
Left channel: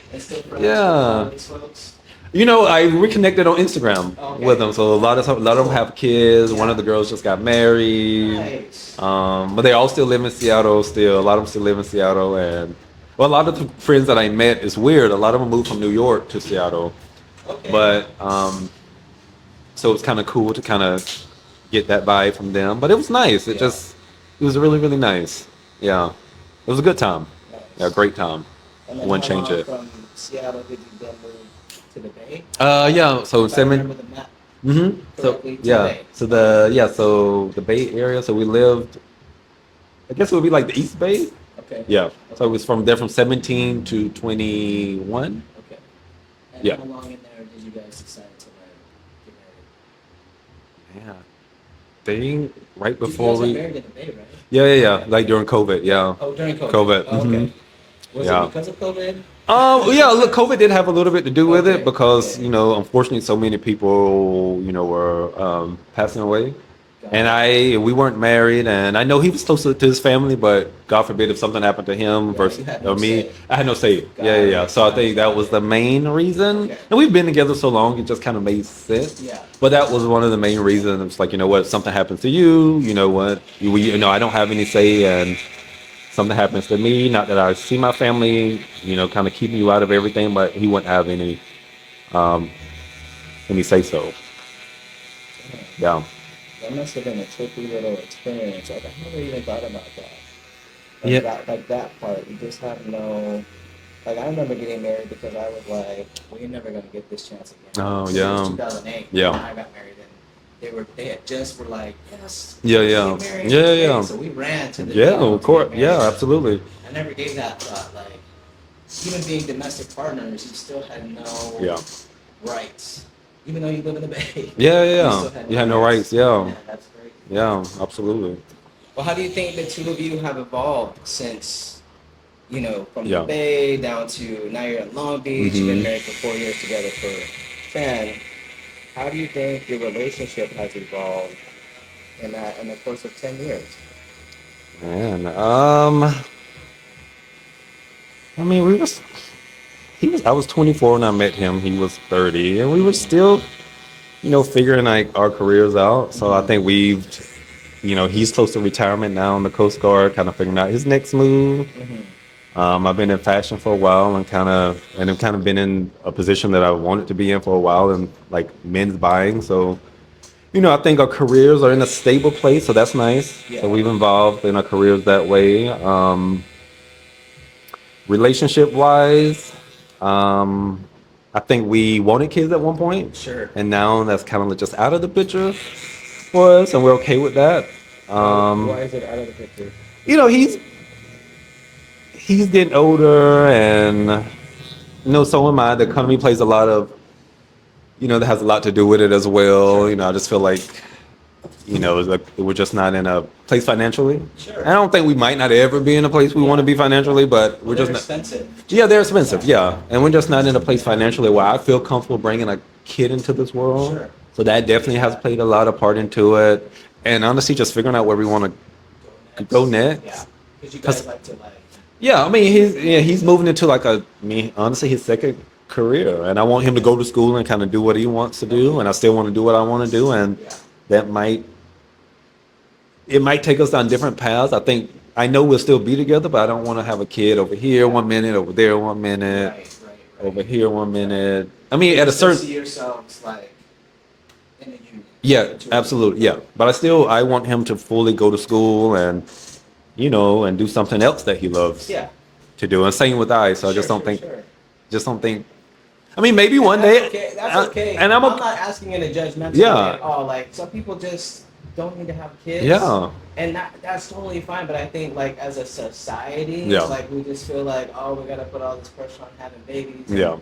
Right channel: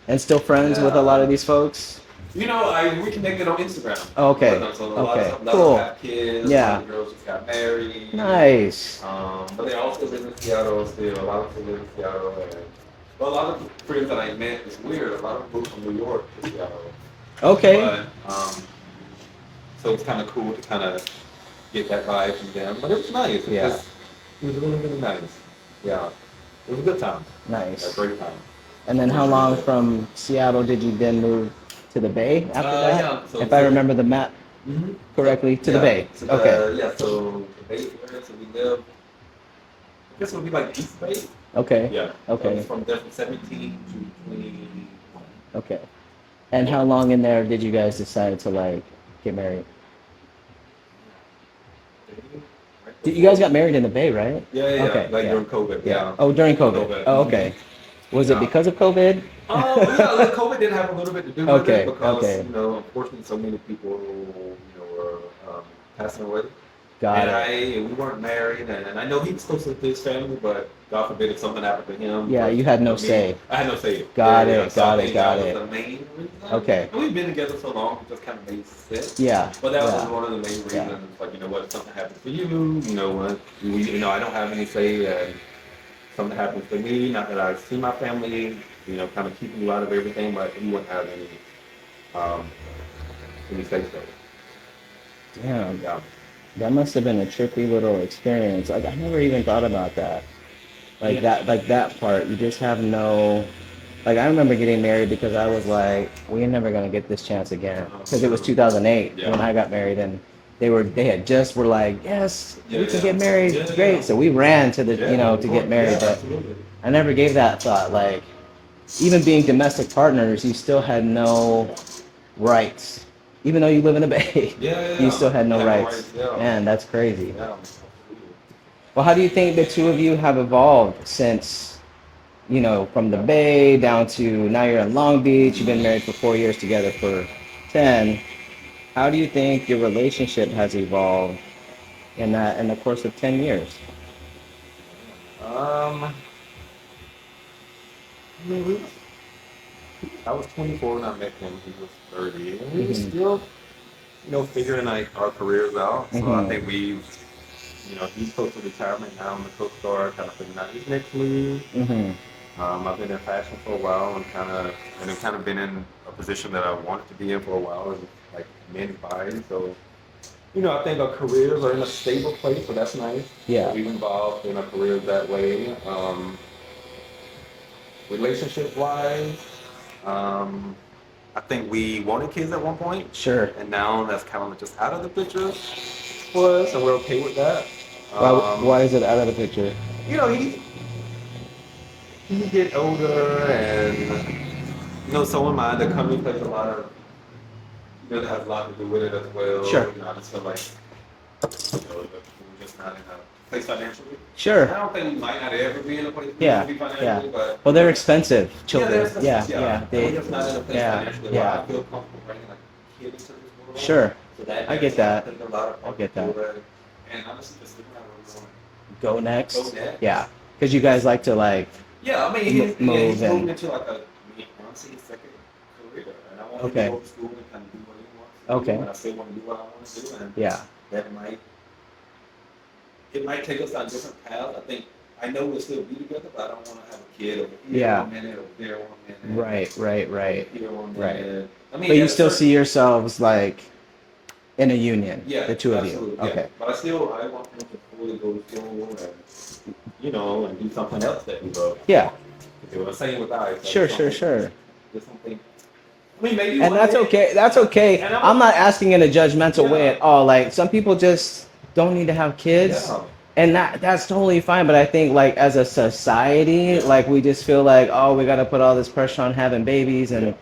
And still friends with a Yeah. lot of these folks. I reconnected on Instagram Okay. with them. So a lot of Okay. them Cool. have kids. Yeah. One of the girls just got married. Nice. But they all still live in Seattle. Still, a lot of them still live in Seattle, and a lot of the friends that I met is weird. A lot of them moved from New York to Seattle. Okay. But so it's kind of cool to kind of get that vibe from them. But it was nice. It was really really nice. Yeah, it was a good time. Nice. Yeah, great time. And then Wouldn't how change long it. from Seattle did you then move to the Bay? after that? Yeah, so if I 7 remember the map Mm-hmm. correctly, to the Bay. So Okay. so the Bay Area. So we lived. I guess it would be like the East Bay. Okay. Yeah. So Okay. it was from 17 to 21. Okay. And Yeah. how long in there did you guys decide to like get married? Yeah. They right You before guys got we- married in the Bay, right? Yeah, yeah, yeah. Okay, Like yeah. during COVID. Yeah. Oh, during COVID. COVID. Oh, okay. Was Yeah. it because of COVID? Oh yeah, look, COVID did have a little bit to do with Okay, it because okay. unfortunately, so many people were passing away We weren't married, and I know he was close to his family, but God forbid if something happened to him Yeah, you had no me, say. I had no say. Got Yeah. it, So I got it, think that got was it. the main reason. Okay. And we've been together so long, it just kind of made sense. Yeah. But that was Yeah. one of the main reasons. It's like, you know what, if something happens to you, you know what, I don't have any say, and something happens to me, not that I see my family, kind of keeping you out of everything, but he wouldn't have um, any say so. Damn. Yeah. That must have been a tricky little experience. Like I never even thought about that. Yeah. Like that part. You just have no. Like I remember getting married because I was like, we ain't never gonna get this chance again. Oh, Because it was yeah. 2008 Yeah. when I got married, and they had just were like, yes, Yeah, we can yeah. get married. Yeah, It's great. yeah. So we ran to the Yeah, of to course. get married. Yeah, but absolutely. I never gave that thought. Like even being domestic partners, you still had no Yeah. rights. Even though you live in the Bay, Yeah. you still had no You had rights. no rights. Yeah. Man, that's crazy. Yeah, absolutely. Well, how do you think the two of you have evolved since, from the Yeah. Bay down to now you're in Long Beach, you've been Mhm. married for 4 years, together for 10. How do you think your relationship has evolved in the course of 10 years? Man, I mean, I was 24 when I met him. He was 30, and we were still, figuring like our careers out. So I think he's close to retirement now in the Coast Guard, kind of figuring out his next move. I've been in fashion for a while and I've kind of been in a position that I wanted to be in for a while, and like men's buying. So, I think our careers are in a stable place, so that's nice. Yeah. So we've involved in our careers that way. Relationship wise, I think we wanted kids at one point. Sure. And now that's kind of just out of the picture for us, and we're okay with that. Why is it out of the picture? He's getting older, and so am I. The economy plays a lot of, that has a lot to do with it as well. Sure. I just feel like, like we're just not in a place financially. Sure. I don't think we might not ever be in a place we want to be financially, but well, they're just expensive. Yeah, they're expensive. Yeah. And we're just not in a place Yeah. financially where Yeah. I feel comfortable bringing a kid into this world. Sure. So that definitely has that. played a lot of part into it. And honestly, just figuring out where we want to Go next. Yeah. Because you guys like to Yeah, I mean, he's Move moving into honestly, his second career, and I want him to go to school and kind of do what he wants to do, and I still want to do what I want to do, and that it might take us down different paths. I know we'll still be together, but I don't want to have a kid over here 1 minute, over there 1 minute, Right. over here 1 minute. I But mean, you at a still certain see yourselves like in a union. yeah, the two of you. absolutely, yeah. Okay. But I want him to fully go to school and and do something else that he loves. Yeah. To do, and same with I. So I just don't think. I mean, maybe one that's day. okay. That's okay. And I'm not asking in a judgmental Yeah. way at all. Like some people just don't need to have kids. Yeah. And that's totally fine. But I think like as a society, like we just feel like, oh, we gotta put all this pressure on having babies. And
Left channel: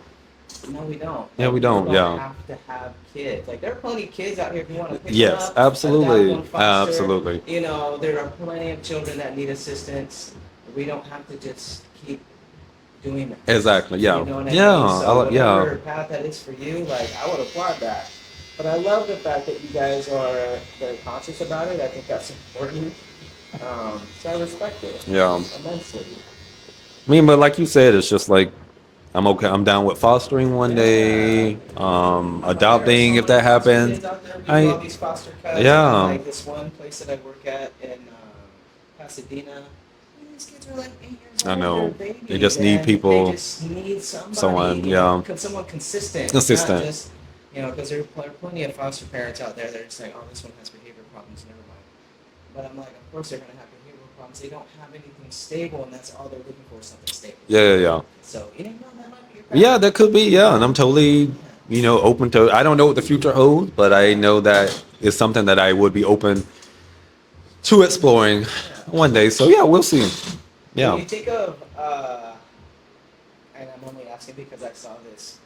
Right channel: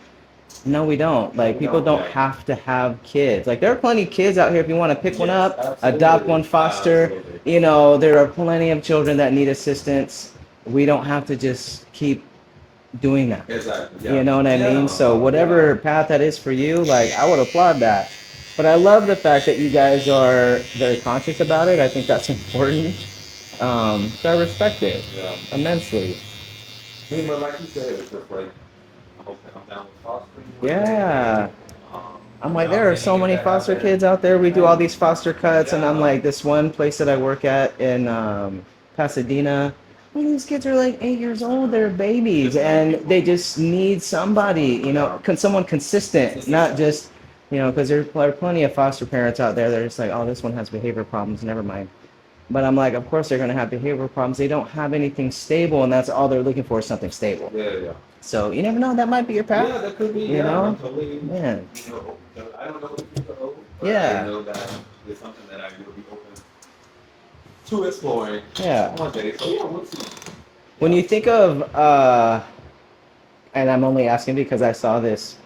no, we don't. Like people don't have to have kids. Like there are plenty of kids out here if you want to pick one up, adopt one, foster. Absolutely. There are plenty of children that need assistance. We don't have to just keep doing that. Exactly. Yeah. You know what I mean? So whatever path that is for you, like I would applaud that. But I love the fact that you guys are very conscious about it. I think that's important. So I respect it. Yeah. Immensely. I mean, but like you said, it's just like I'm okay. I'm down with fostering one day. Adopting if that happens. Foster kids out there. We do all these foster cuts. Yeah. And I'm like this one place that I work at in Pasadena. These kids are like 8 years old. They're babies. They just need people. They just need somebody. Someone consistent. Not just because there are plenty of foster parents out there that are just like, oh, this one has behavior problems. Never mind. But I'm like, of course they're going to have behavioral problems. They don't have anything stable, and that's all they're looking for is something stable. Yeah. So you never know. That might be your path. Yeah, that could be. Yeah, and I'm totally, open to. I don't know what the future holds, but I know that it's something that I would be open to exploring one day. So yeah, we'll see. Yeah. When you think of, and I'm only asking because I saw this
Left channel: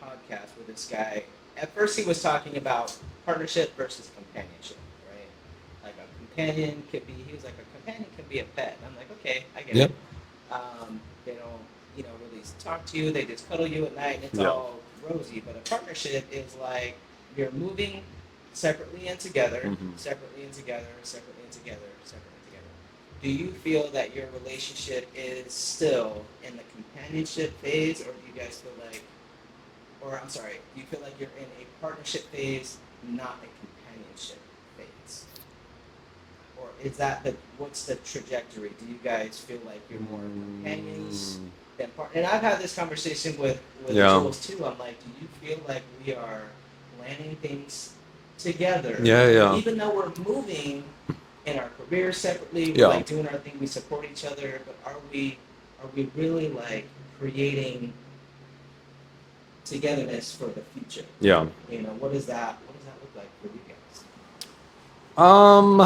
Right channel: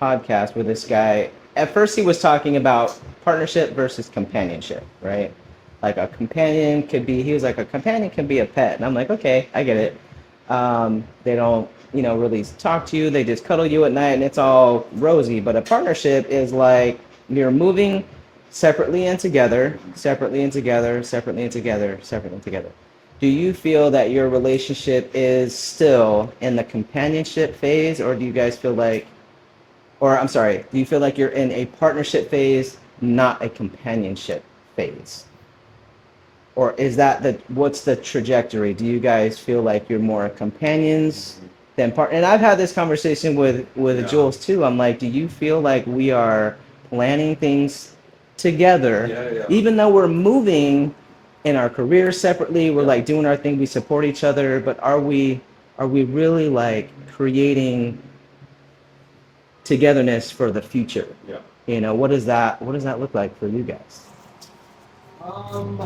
podcast with this guy. At first, he was talking about partnership versus companionship, right? Like a companion could be, he was like, a companion can be a pet. And I'm like, okay, I get it. They don't, really talk to you. They just cuddle you at night and it's all rosy. But a partnership is like you're moving separately and together, Mm-hmm. separately and together, separately and together, separately and together. Do you feel that your relationship is still in the companionship phase, or do you guys feel like, or I'm sorry, do you feel like you're in a partnership phase, not a companionship phase? Or is that what's the trajectory? Do you guys feel like you're more companions than part? And I've had this conversation with Yeah. Jules too. I'm like, do you feel like we are planning things together, Yeah, yeah. even though we're moving in our careers separately? We're Yeah. like doing our thing. We support each other, but are we really like creating togetherness for the future? Yeah. What does that look like for you guys? Um,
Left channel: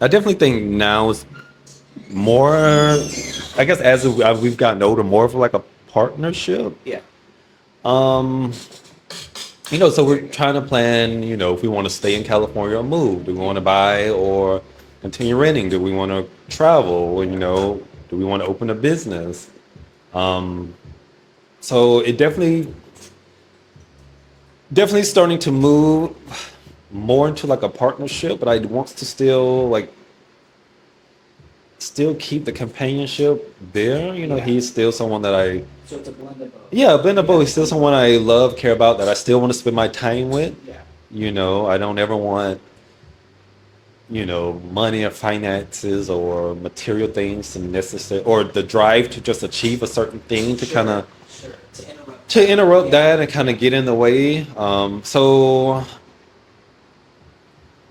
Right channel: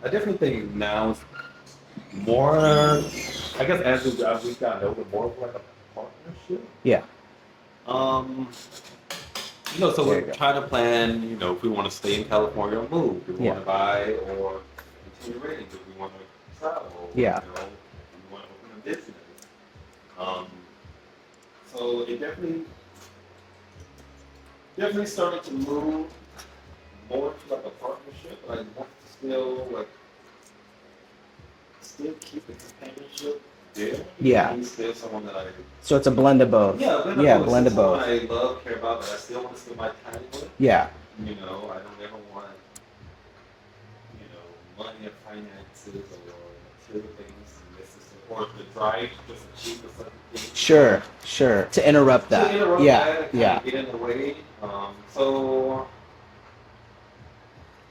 I definitely think now is more, I guess as we've gotten older, more of like a partnership. Yeah. Um, so There you we're go. trying to plan, if we want to stay in California or move. Do we want Yeah. to buy or continue renting? Do we want to travel? Yeah. Do we want to open a business? So it definitely starting to move more into like a partnership, but I want to still keep the companionship there. Yeah. He's still someone that So it's a blend of both. yeah, Ben Yeah, Bow is still blend of someone both. I love, care about, that I still want to spend my time with. Yeah. I don't ever want, money or finances or material things to necessary or the drive to just achieve a certain thing to kind Sure. of Sure. To interrupt that. Yeah. that and kind of Yeah. get in the way.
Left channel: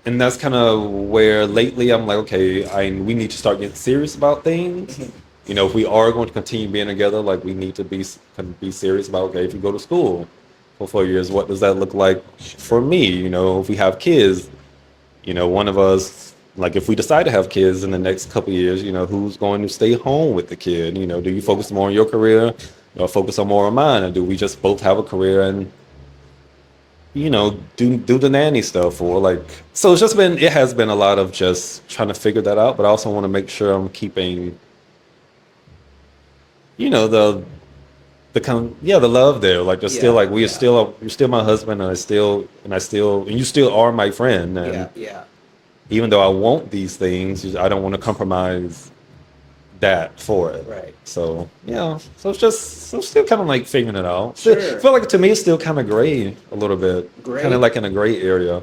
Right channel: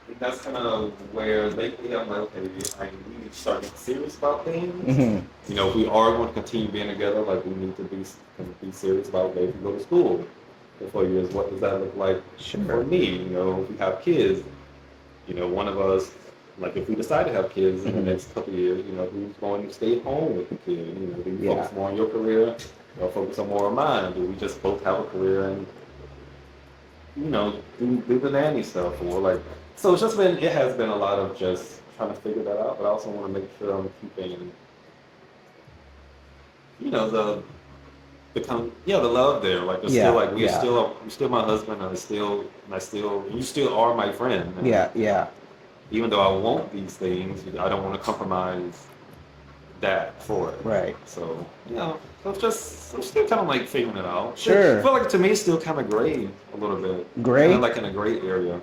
And that's kind of where lately I'm like, okay, we need to start getting serious about things. Hmm. If we are going to continue being together, like we need to be serious about, okay, if you go to school for 4 years, what does that look like for Sure. me? If we have kids, one of us, like if we decide to have kids in the next couple of years, who's going to stay home with the kid? Do you Yeah. focus more on your career, focus on more on mine, or do we just both have a career and do the nanny stuff or like so it has been a lot of just trying to figure that out, but I also want to make sure I'm keeping the love there, like there's still Yeah. like Yeah. you're still my husband, and you still are my friend, and Yeah. Yeah. even though I want these things, I don't want to compromise that for it. Right. So yeah, so still kind of like figuring it out. Sure. I feel like to me it's still kind of gray a little bit, Gray? kind of like in a gray area.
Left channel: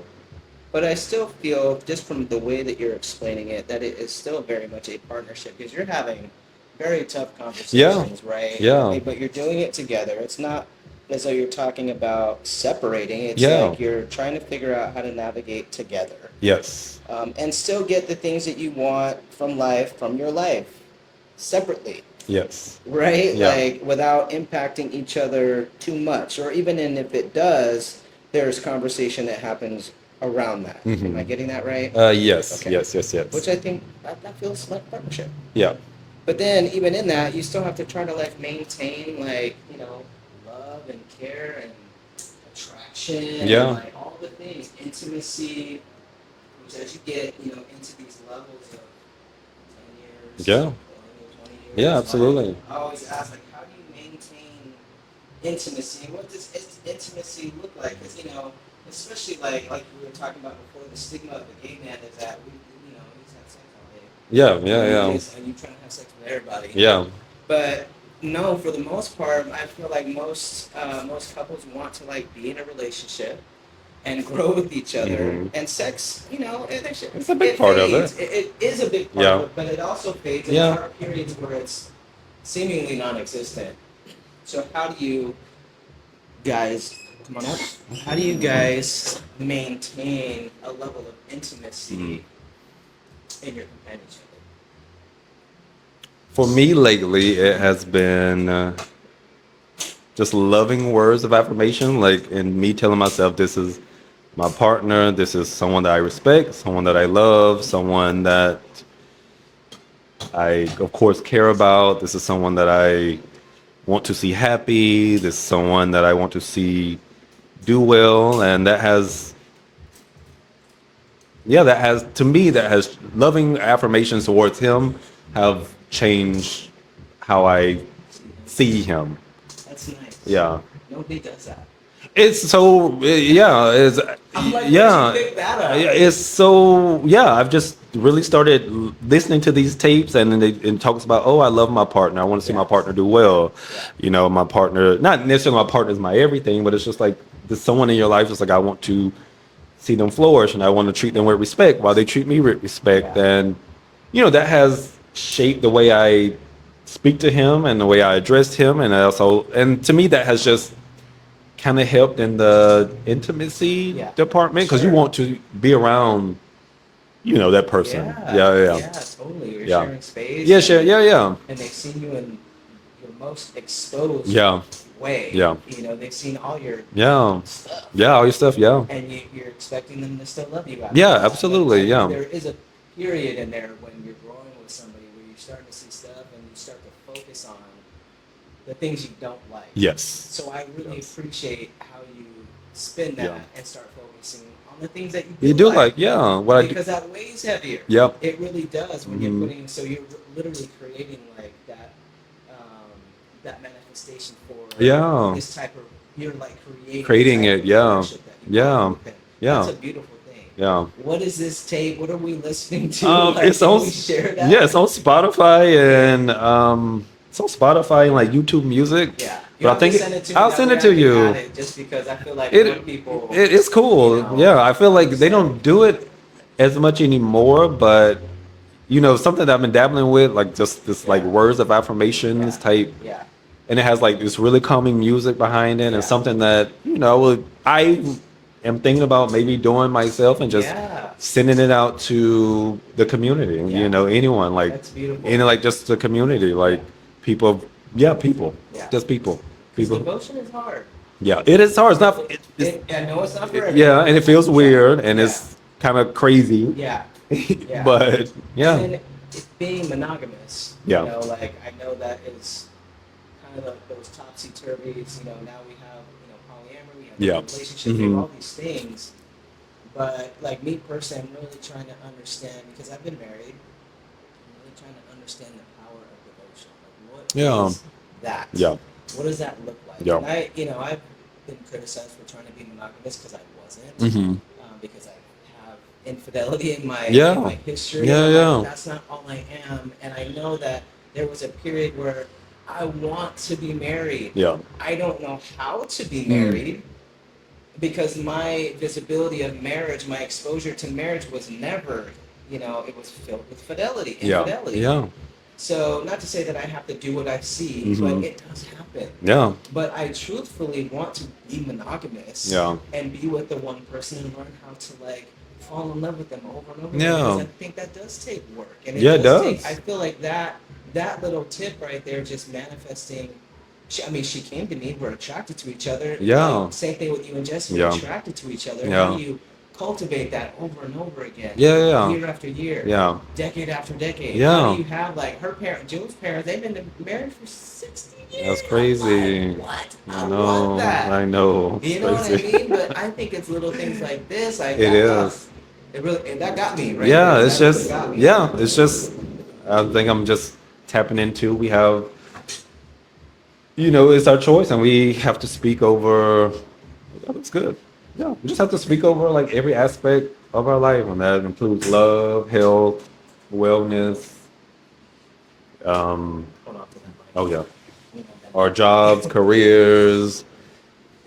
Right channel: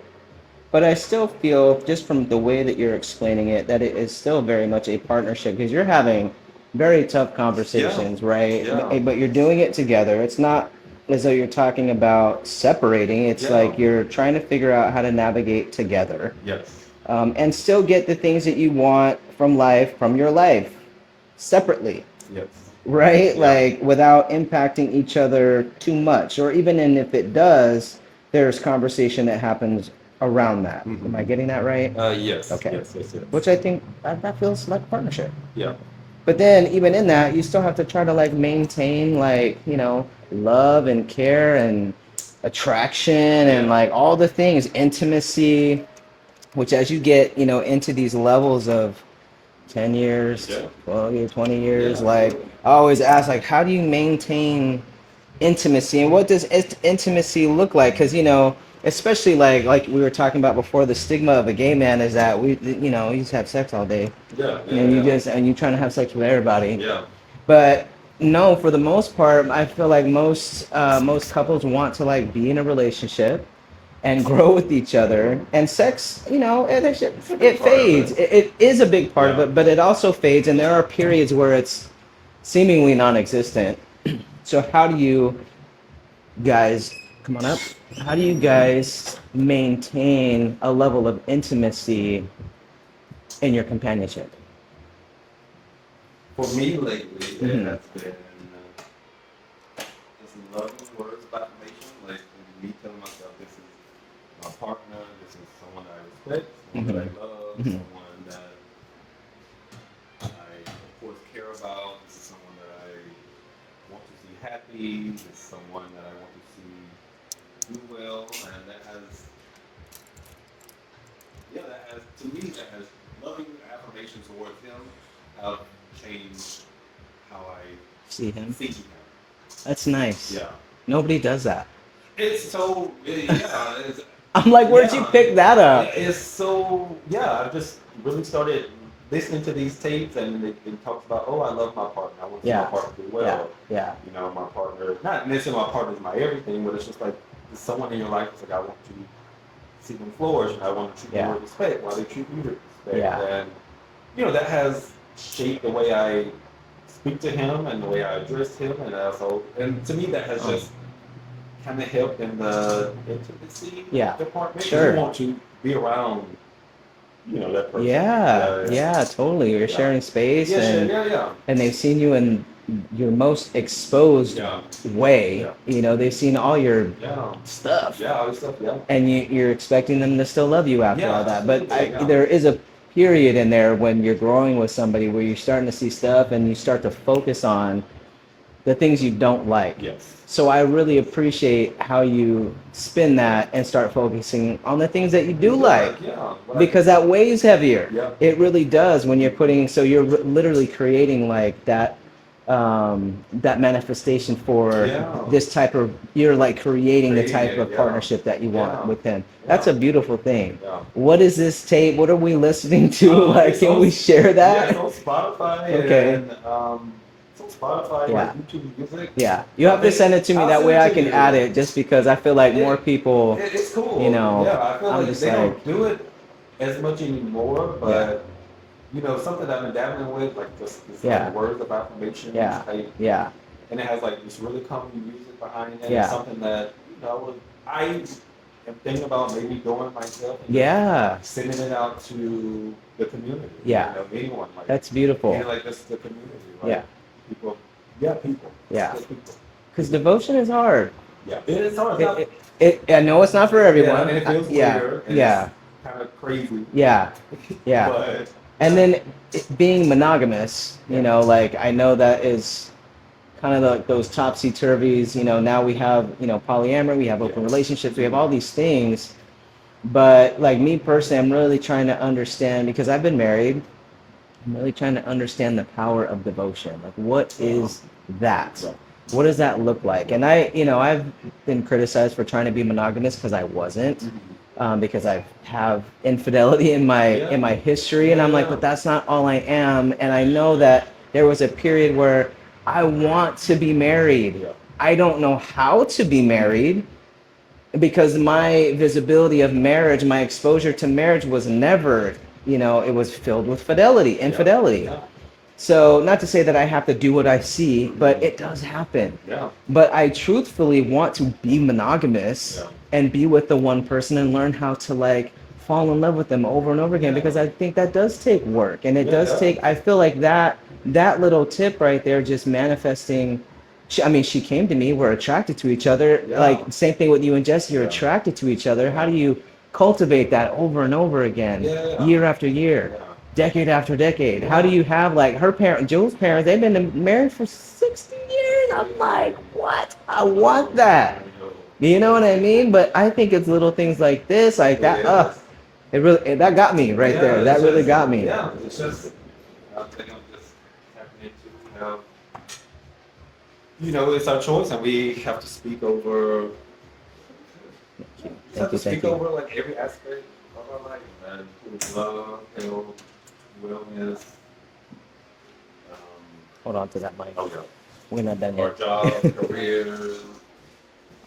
But I still feel, just from the way that you're explaining it, that it is still very much a partnership because you're having very tough conversations, right? Yeah. But you're doing it together. It's not as though you're talking about separating. It's Yeah. like you're trying to figure out how to navigate together. Yes. And still get the things that you want from your life, separately, Yes. right? Yeah. Like without impacting each other too much, or even if it does, there's conversation that happens around that. Am I getting that right? Yes. Okay. Yes. Which I think that feels like partnership. Yeah. But then even in that, you still have to try to like maintain like, love and care and attraction Yeah. and like all the things, intimacy, which as you get, into these levels of 10 years, Yeah. 12 years, 20 years, Yeah, like absolutely. I always ask like, how do you maintain intimacy, and what does intimacy look like? Because especially like we were talking about before, the stigma of a gay man is that we just have sex all day. Yeah. Yeah. You're trying to have sex with everybody. Yeah. But no, for the most part, I feel like most couples want to like be in a relationship and grow with each other. And sex, It's a big part of fades. it. It is a big part of Yeah. it, but it also fades, and there Yeah. are periods where it's seemingly non-existent. So how do you guys, come on up, how do you guys maintain a level of intimacy in your companionship? For me lately, it has been just loving words of affirmation, like, and me telling myself this is my partner, this is someone that I respect, someone that I love, someone that I, of course, care about. This is someone that I want to see happy. This is someone that I want to see do well, and to me, loving affirmations towards him have changed how I See him? see him. That's nice. Yeah. Nobody does that. It's so yeah. It's I'm like, where'd you pick that up? It's so yeah. I've just really started listening to these tapes, and then it talks about, oh, I love my partner. I want to see my partner do well. Yeah. You know, my partner. Not necessarily my partner is my everything, but it's just like there's someone in your life. Just like I want to see them flourish, and I want to treat them with respect while they treat me with respect. And you know that has shaped the way I speak to him and the way I addressed him, and and to me that has just kind of helped in the intimacy department because you want to be around, you know, that person. Yeah, totally. You're sharing space. And they've seen you in your most exposed way. You know, they've seen all your stuff. All your stuff. And you're expecting them to still love you after all that. Absolutely. But there is a period in there when you're growing with somebody where you're starting to see stuff and you start to focus on the things you don't like. Yes. So I really appreciate how you spin that and start focusing on the things that you do like. Because that weighs heavier. Yep. It really does when you're putting, so you're literally creating like that manifestation for this type of, you're like creating the type of partnership that you want with him. That's a beautiful thing. What is this tape? What are we listening to? Can we share that? Yeah, it's on Spotify and it's on Spotify and like YouTube Music. Yeah, you have to send it to me. That way I can add it, just because I feel like more people. It's cool. You know, I feel like they don't do it as much anymore, but you know, something that I've been dabbling with, like just this like words of affirmations type. Yeah. And it has like this really calming music behind it, and something that I am thinking about maybe doing myself and just sending it out to the community. You know, anyone like that's beautiful. And like just the community, like. People. Just people. Because devotion is hard. Yeah, it is hard. It's not. I know it's not for everyone. Yeah, and it feels weird, and it's kind of crazy. Yeah. But and then being monogamous, you know, like I know that is kind of those topsy turvies. You know, now we have polyamory, we have open relationships, we have all these things. But like me personally, I'm really trying to understand, because I've been married. I'm really trying to understand the power of devotion. Like, what is that? Yeah. What does that look like? And I've been criticized for trying to be monogamous because I wasn't, because I have infidelity in my history, and I'm like, that's not all I am. And I know that there was a period where I want to be married. Yeah. I don't know how to be married. Because my visibility of marriage, my exposure to marriage was never, it was filled with infidelity. Yeah. So not to say that I have to do what I see, but it does happen. Yeah. But I truthfully want to be monogamous and be with the one person and learn how to like fall in love with them over and over again, because I think that does take work. And it does take, I feel like that little tip right there, just manifesting. She came to me, we're attracted to each other. Like same thing with you and Jesse, you're attracted to each other. How do you cultivate that over and over again? Year after year. Decade after decade. How do you have like her Jill's parents, they've been married for 60 years. That's crazy. I'm like, what? I want that. I know. You know what I mean? But I think it's little things like this. That got me right there. That really got me. Yeah, it's just, I think I'm just tapping into, we have, it's our choice, and we have to speak over. It's good. Yeah, we just have to speak over like every aspect of our life, and that includes love, health, wellness. Hold on to that mic. Oh yeah. We're not done. Our jobs, careers,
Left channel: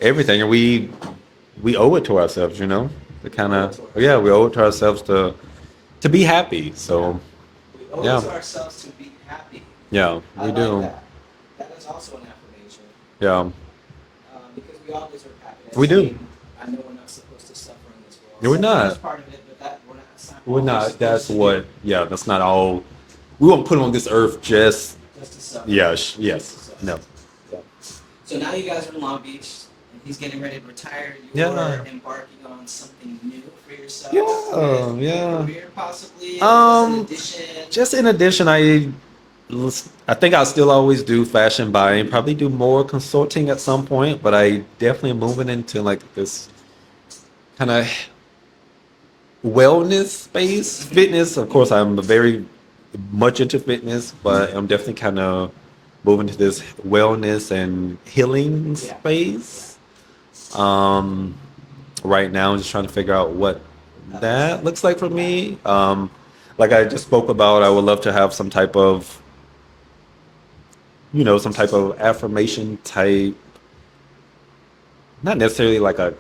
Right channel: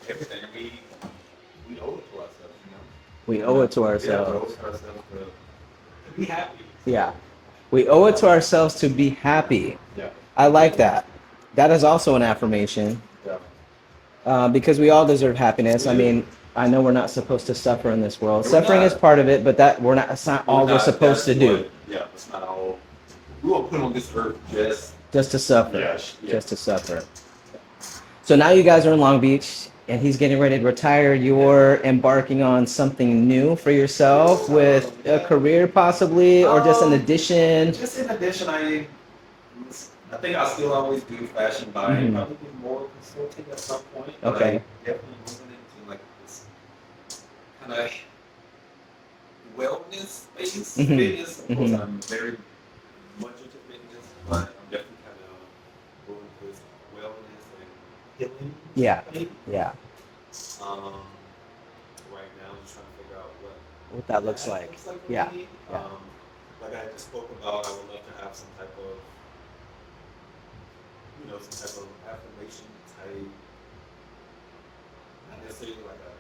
everything, and we owe it to ourselves. We owe it to ourselves. Yeah, we owe it to ourselves to be happy. So we owe it to ourselves to be happy. Yeah, I like that. That is also an affirmation. Yeah. Because we all deserve happiness. We do. I mean, I know we're not supposed to suffer in this world. We're Suffering not. is part of it, but that's not all we're supposed to do. Yeah, that's not all. We won't put on this earth just to suffer. Yes. Just to suffer. No. So now you guys are in Long Beach, and he's getting ready to retire. You're embarking on something new for yourself with a career, possibly, or just an addition. Just in addition, I think I'll still always do fashion buying, probably do more consulting at some point, but I definitely am moving into like this kind of wellness space, fitness. Of course, I'm very much into fitness, but I'm definitely kind of moving to this wellness and healing space. Yeah. Um, right now, I'm just trying to figure out what What that looks that like. looks like for Yeah. me. Like I just spoke about, I would love to have some type of, some type of affirmation type, not necessarily like a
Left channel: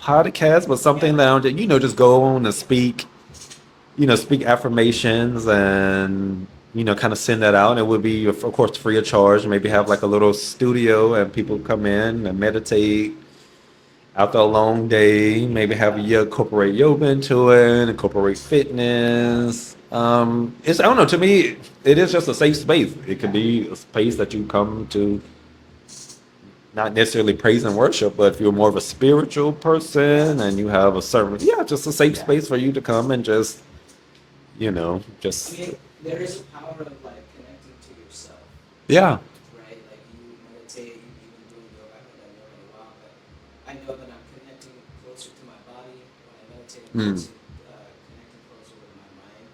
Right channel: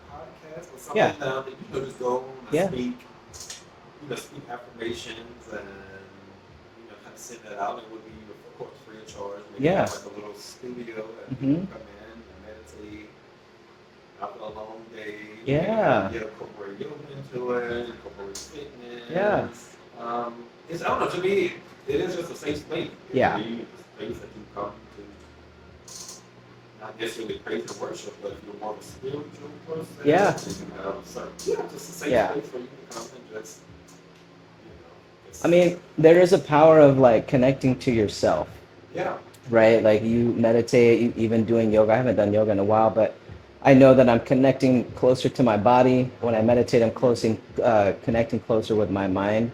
podcast, but Yeah. something that I'll just go on and Yeah. speak affirmations and, kind of send that out. It would be, of course, free of charge. Maybe have Yeah. like a little studio and people Hmm. come in and meditate after a long day. Maybe have Yeah. you incorporate yoga into it, incorporate Yeah. fitness. I don't know. To me, it is just a safe space. It could Yeah. be a space that you come to, not necessarily praise and worship, but if you're more of a spiritual Yeah. person and you have a certain, just a safe Yeah. space for you to come and just, I just, mean, there is a power of like connecting to yourself, yeah, right? Like you meditate, even doing yoga. I haven't done yoga in a while, but I know that I'm connecting closer to my body. When I meditate, I'm mm, connecting closer with my mind.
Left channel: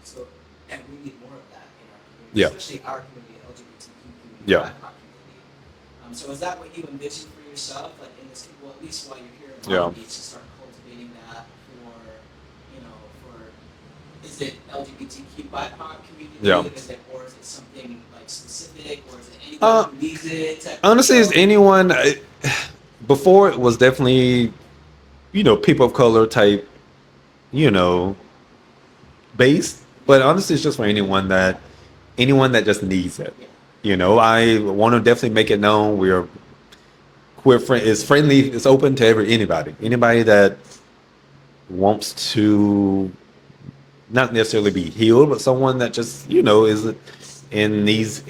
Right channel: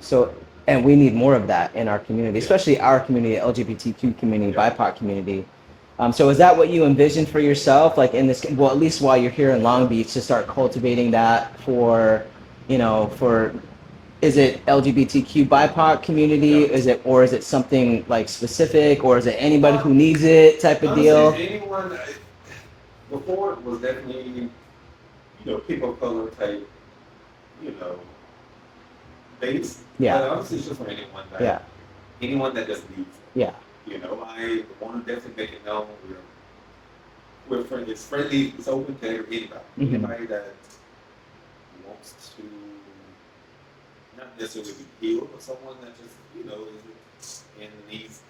So, and we need more of that in our community, yeah, especially our community, LGBTQ community, yeah, BIPOC community. So is that what you envision for yourself, like in this, well, at least while you're here in Long yeah, Beach, to start cultivating that for, for is it LGBTQ BIPOC community? yeah. Or is it something like specific, or is it anybody Uh, who needs it type of Honestly, is deal? anyone, before it was definitely, people of color type, you know, based, but Yeah, honestly, it's just for yeah, anyone that just needs it. yeah. I want to definitely make it known it's friendly, it's open to Hmm. anybody that wants to not necessarily be healed, but someone that just is in these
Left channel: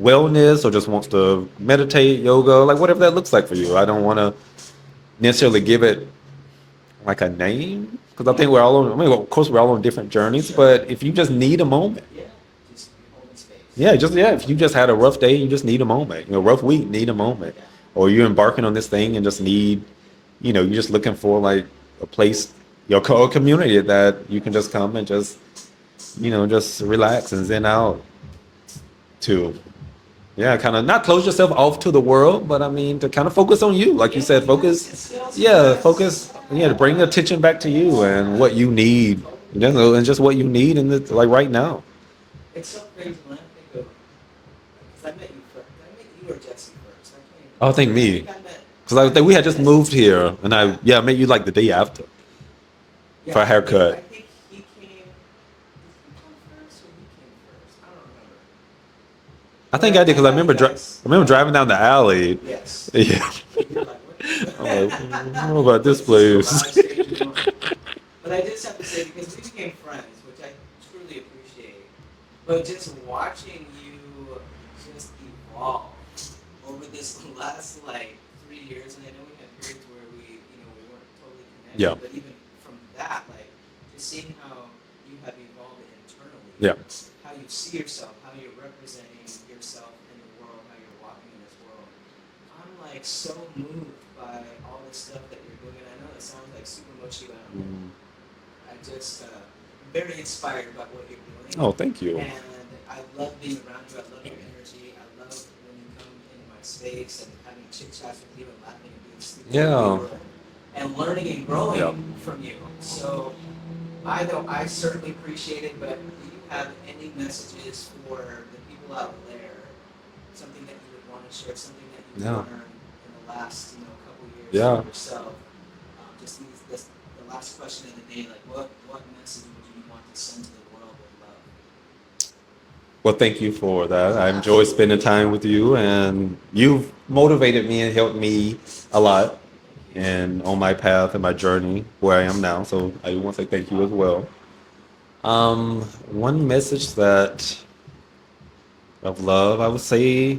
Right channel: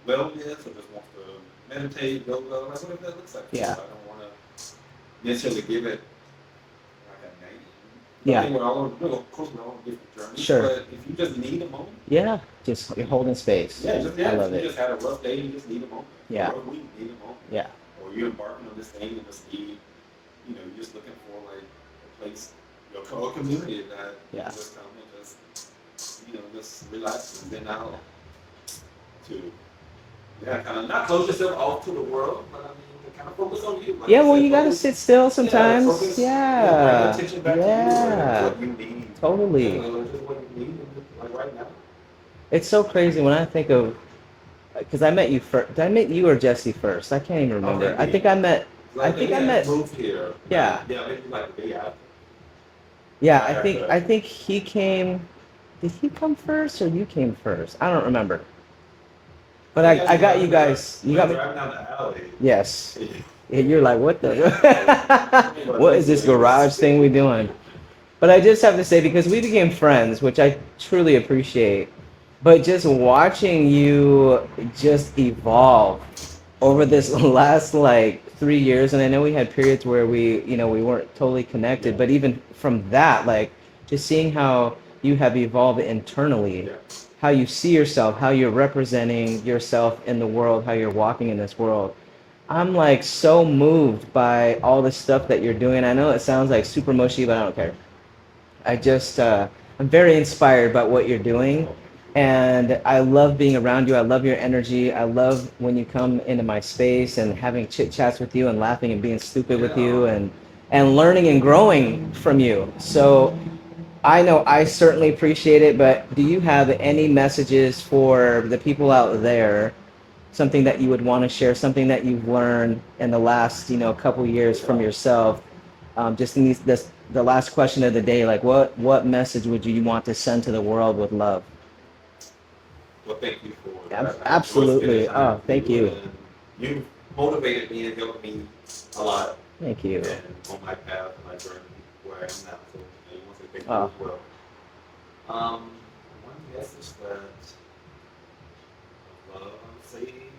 wellness or just wants to meditate, yoga, like whatever that looks like for you. Yeah, I don't want to necessarily give it like a name because I yeah, think we're all on. I mean, of course, we're all on different journeys, sure. but if you just need a moment. Yeah, just you're holding space. Yeah, I if love you it. just had a rough day, you just need a moment. Yeah, Rough week, need a moment. yeah, Or you're embarking on this thing and just need, you're just looking for like a place, your community that you yeah. can just come and just relax and zen out to. Yeah, kind of not close yourself off to the world, but I mean to kind of focus on you, like you Yeah, well, said, you gotta focus. sit still Yeah, sometimes. focus. Yeah, bring Yeah, attention back to you and yeah, what you need. totally. And just what you need in the like right now. It's so crazy when I think of, because I met you first. Did I meet you or Jesse first? I can't even I think remember. I think me. I met. Because I I think think we I had just met. moved here, and Yeah, I met you like the day after for yeah. a I haircut. think he came. Did he come first or you came first? I don't remember. I But think I did I because I got you remember guys. I You remember got me. driving down the alley. Yes. Yeah, Yeah, you're like, what I'm like, I don't the? know about What this is this garage place. thing we doing? But I just have to say, because we became friends, which I truly appreciate, but just watching you just evolve over this last like 3 years, and I know we had periods where we weren't totally Yeah, connected, but even from that, like just seeing how you have evolved internally, yeah, how you see yourself, how you're representing yourself in the world, how you're walking in this world. I'm like so moved by all the stuff that you're doing. I know it sounds like super mushy, but I don't care. mhm. I just I'm very inspired by what you're doing, Oh, thank you. and I love being around you. I love your energy. I love when you come into my space and having chit chats with you and laughing and being stupid with Yeah, you and learning and yeah. growing from you. So I know I certainly appreciate it, but do you have any messages for the people out there? Something that you would want to share, something that you've Yeah, learned in the last, couple years from yeah. yourself. Just in the last question of the day, like what message would you want to send to the world with love? Well, thank you for that. I enjoy spending Absolutely. time Oh, with thank you, you. and you've motivated me and helped me a lot, Thank you. and on my path and my journey where I am now. So I do want to say thank you Oh, as well. One message that of love, I would say,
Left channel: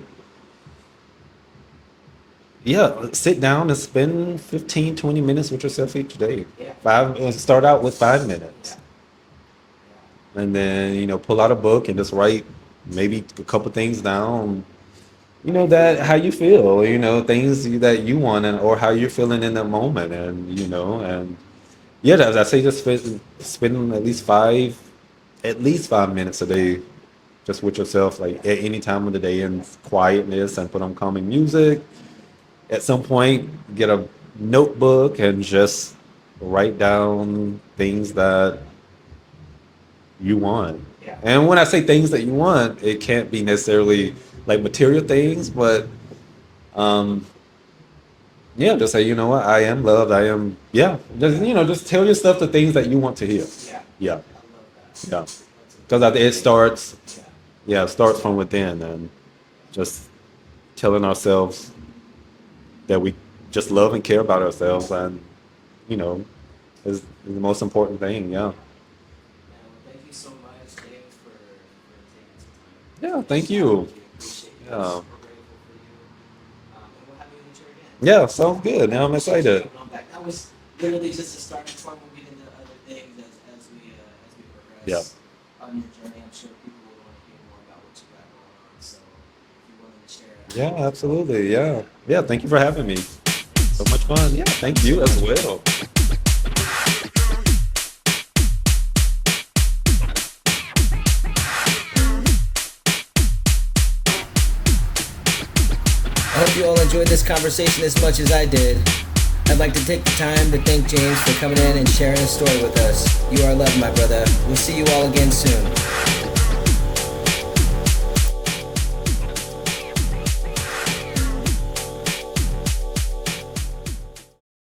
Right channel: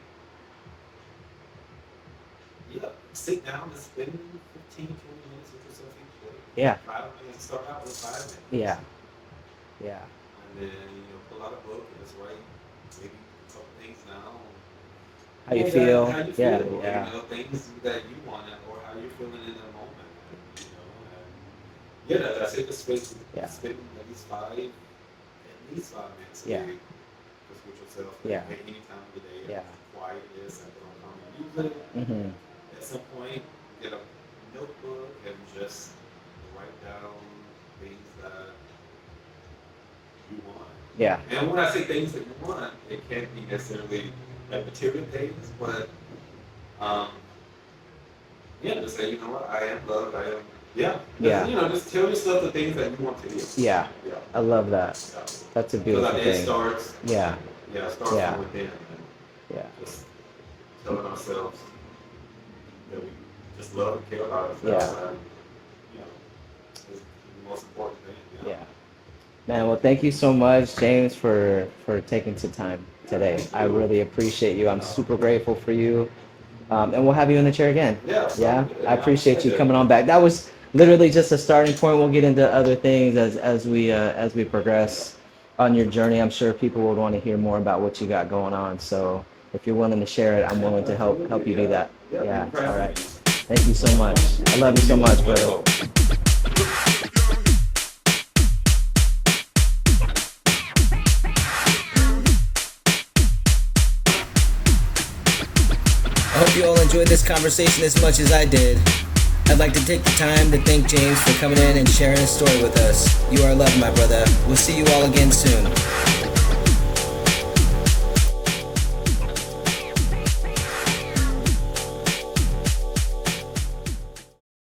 yeah, sit down and spend 15, 20 minutes with yourself each day. yeah. Start out with 5 minutes. Yeah. Yeah. And then, pull out a book and just write maybe a couple things down. How you That how feel? you Yeah. feel, Yeah. things that you want or how you're feeling in that moment. And yeah, as I say, just Yeah. spend at least 5 minutes a Yeah. day just with yourself, like Yeah. at any time of the day in Yeah. quietness and put on calming music. Hmm. at some point get a notebook and just write down things that you want. Yeah. And when I say things that you want, it can't be necessarily like material things, but yeah, just say, you know what, I am loved. I am, just, just tell yourself the things that you want to hear. Yeah. Yeah. I love that. Yeah. That's a beautiful Because it thing. starts, Yeah. it starts from within, and just telling ourselves that we just love and care about ourselves, and, is the most important thing. Yeah. Man, well, thank you so much, James, for taking some time today. Thank you. I really appreciate you. I'm super grateful for you. And we'll have you in the chair again. Yeah, sounds good. I appreciate you coming on back. That was literally just a starting point. We'll get into other things as we progress on your journey. I'm sure people would want to hear more about what you got going on. So if you're willing to share it, I'm willing to help you do that. Yeah, thank you for having me. Thank you so much. I love you so much. Well. I hope you all enjoyed this conversation as much as I did. I'd like to take the time to thank James for coming in and sharing his story with us. You are loved, my brother. We'll see you all again soon.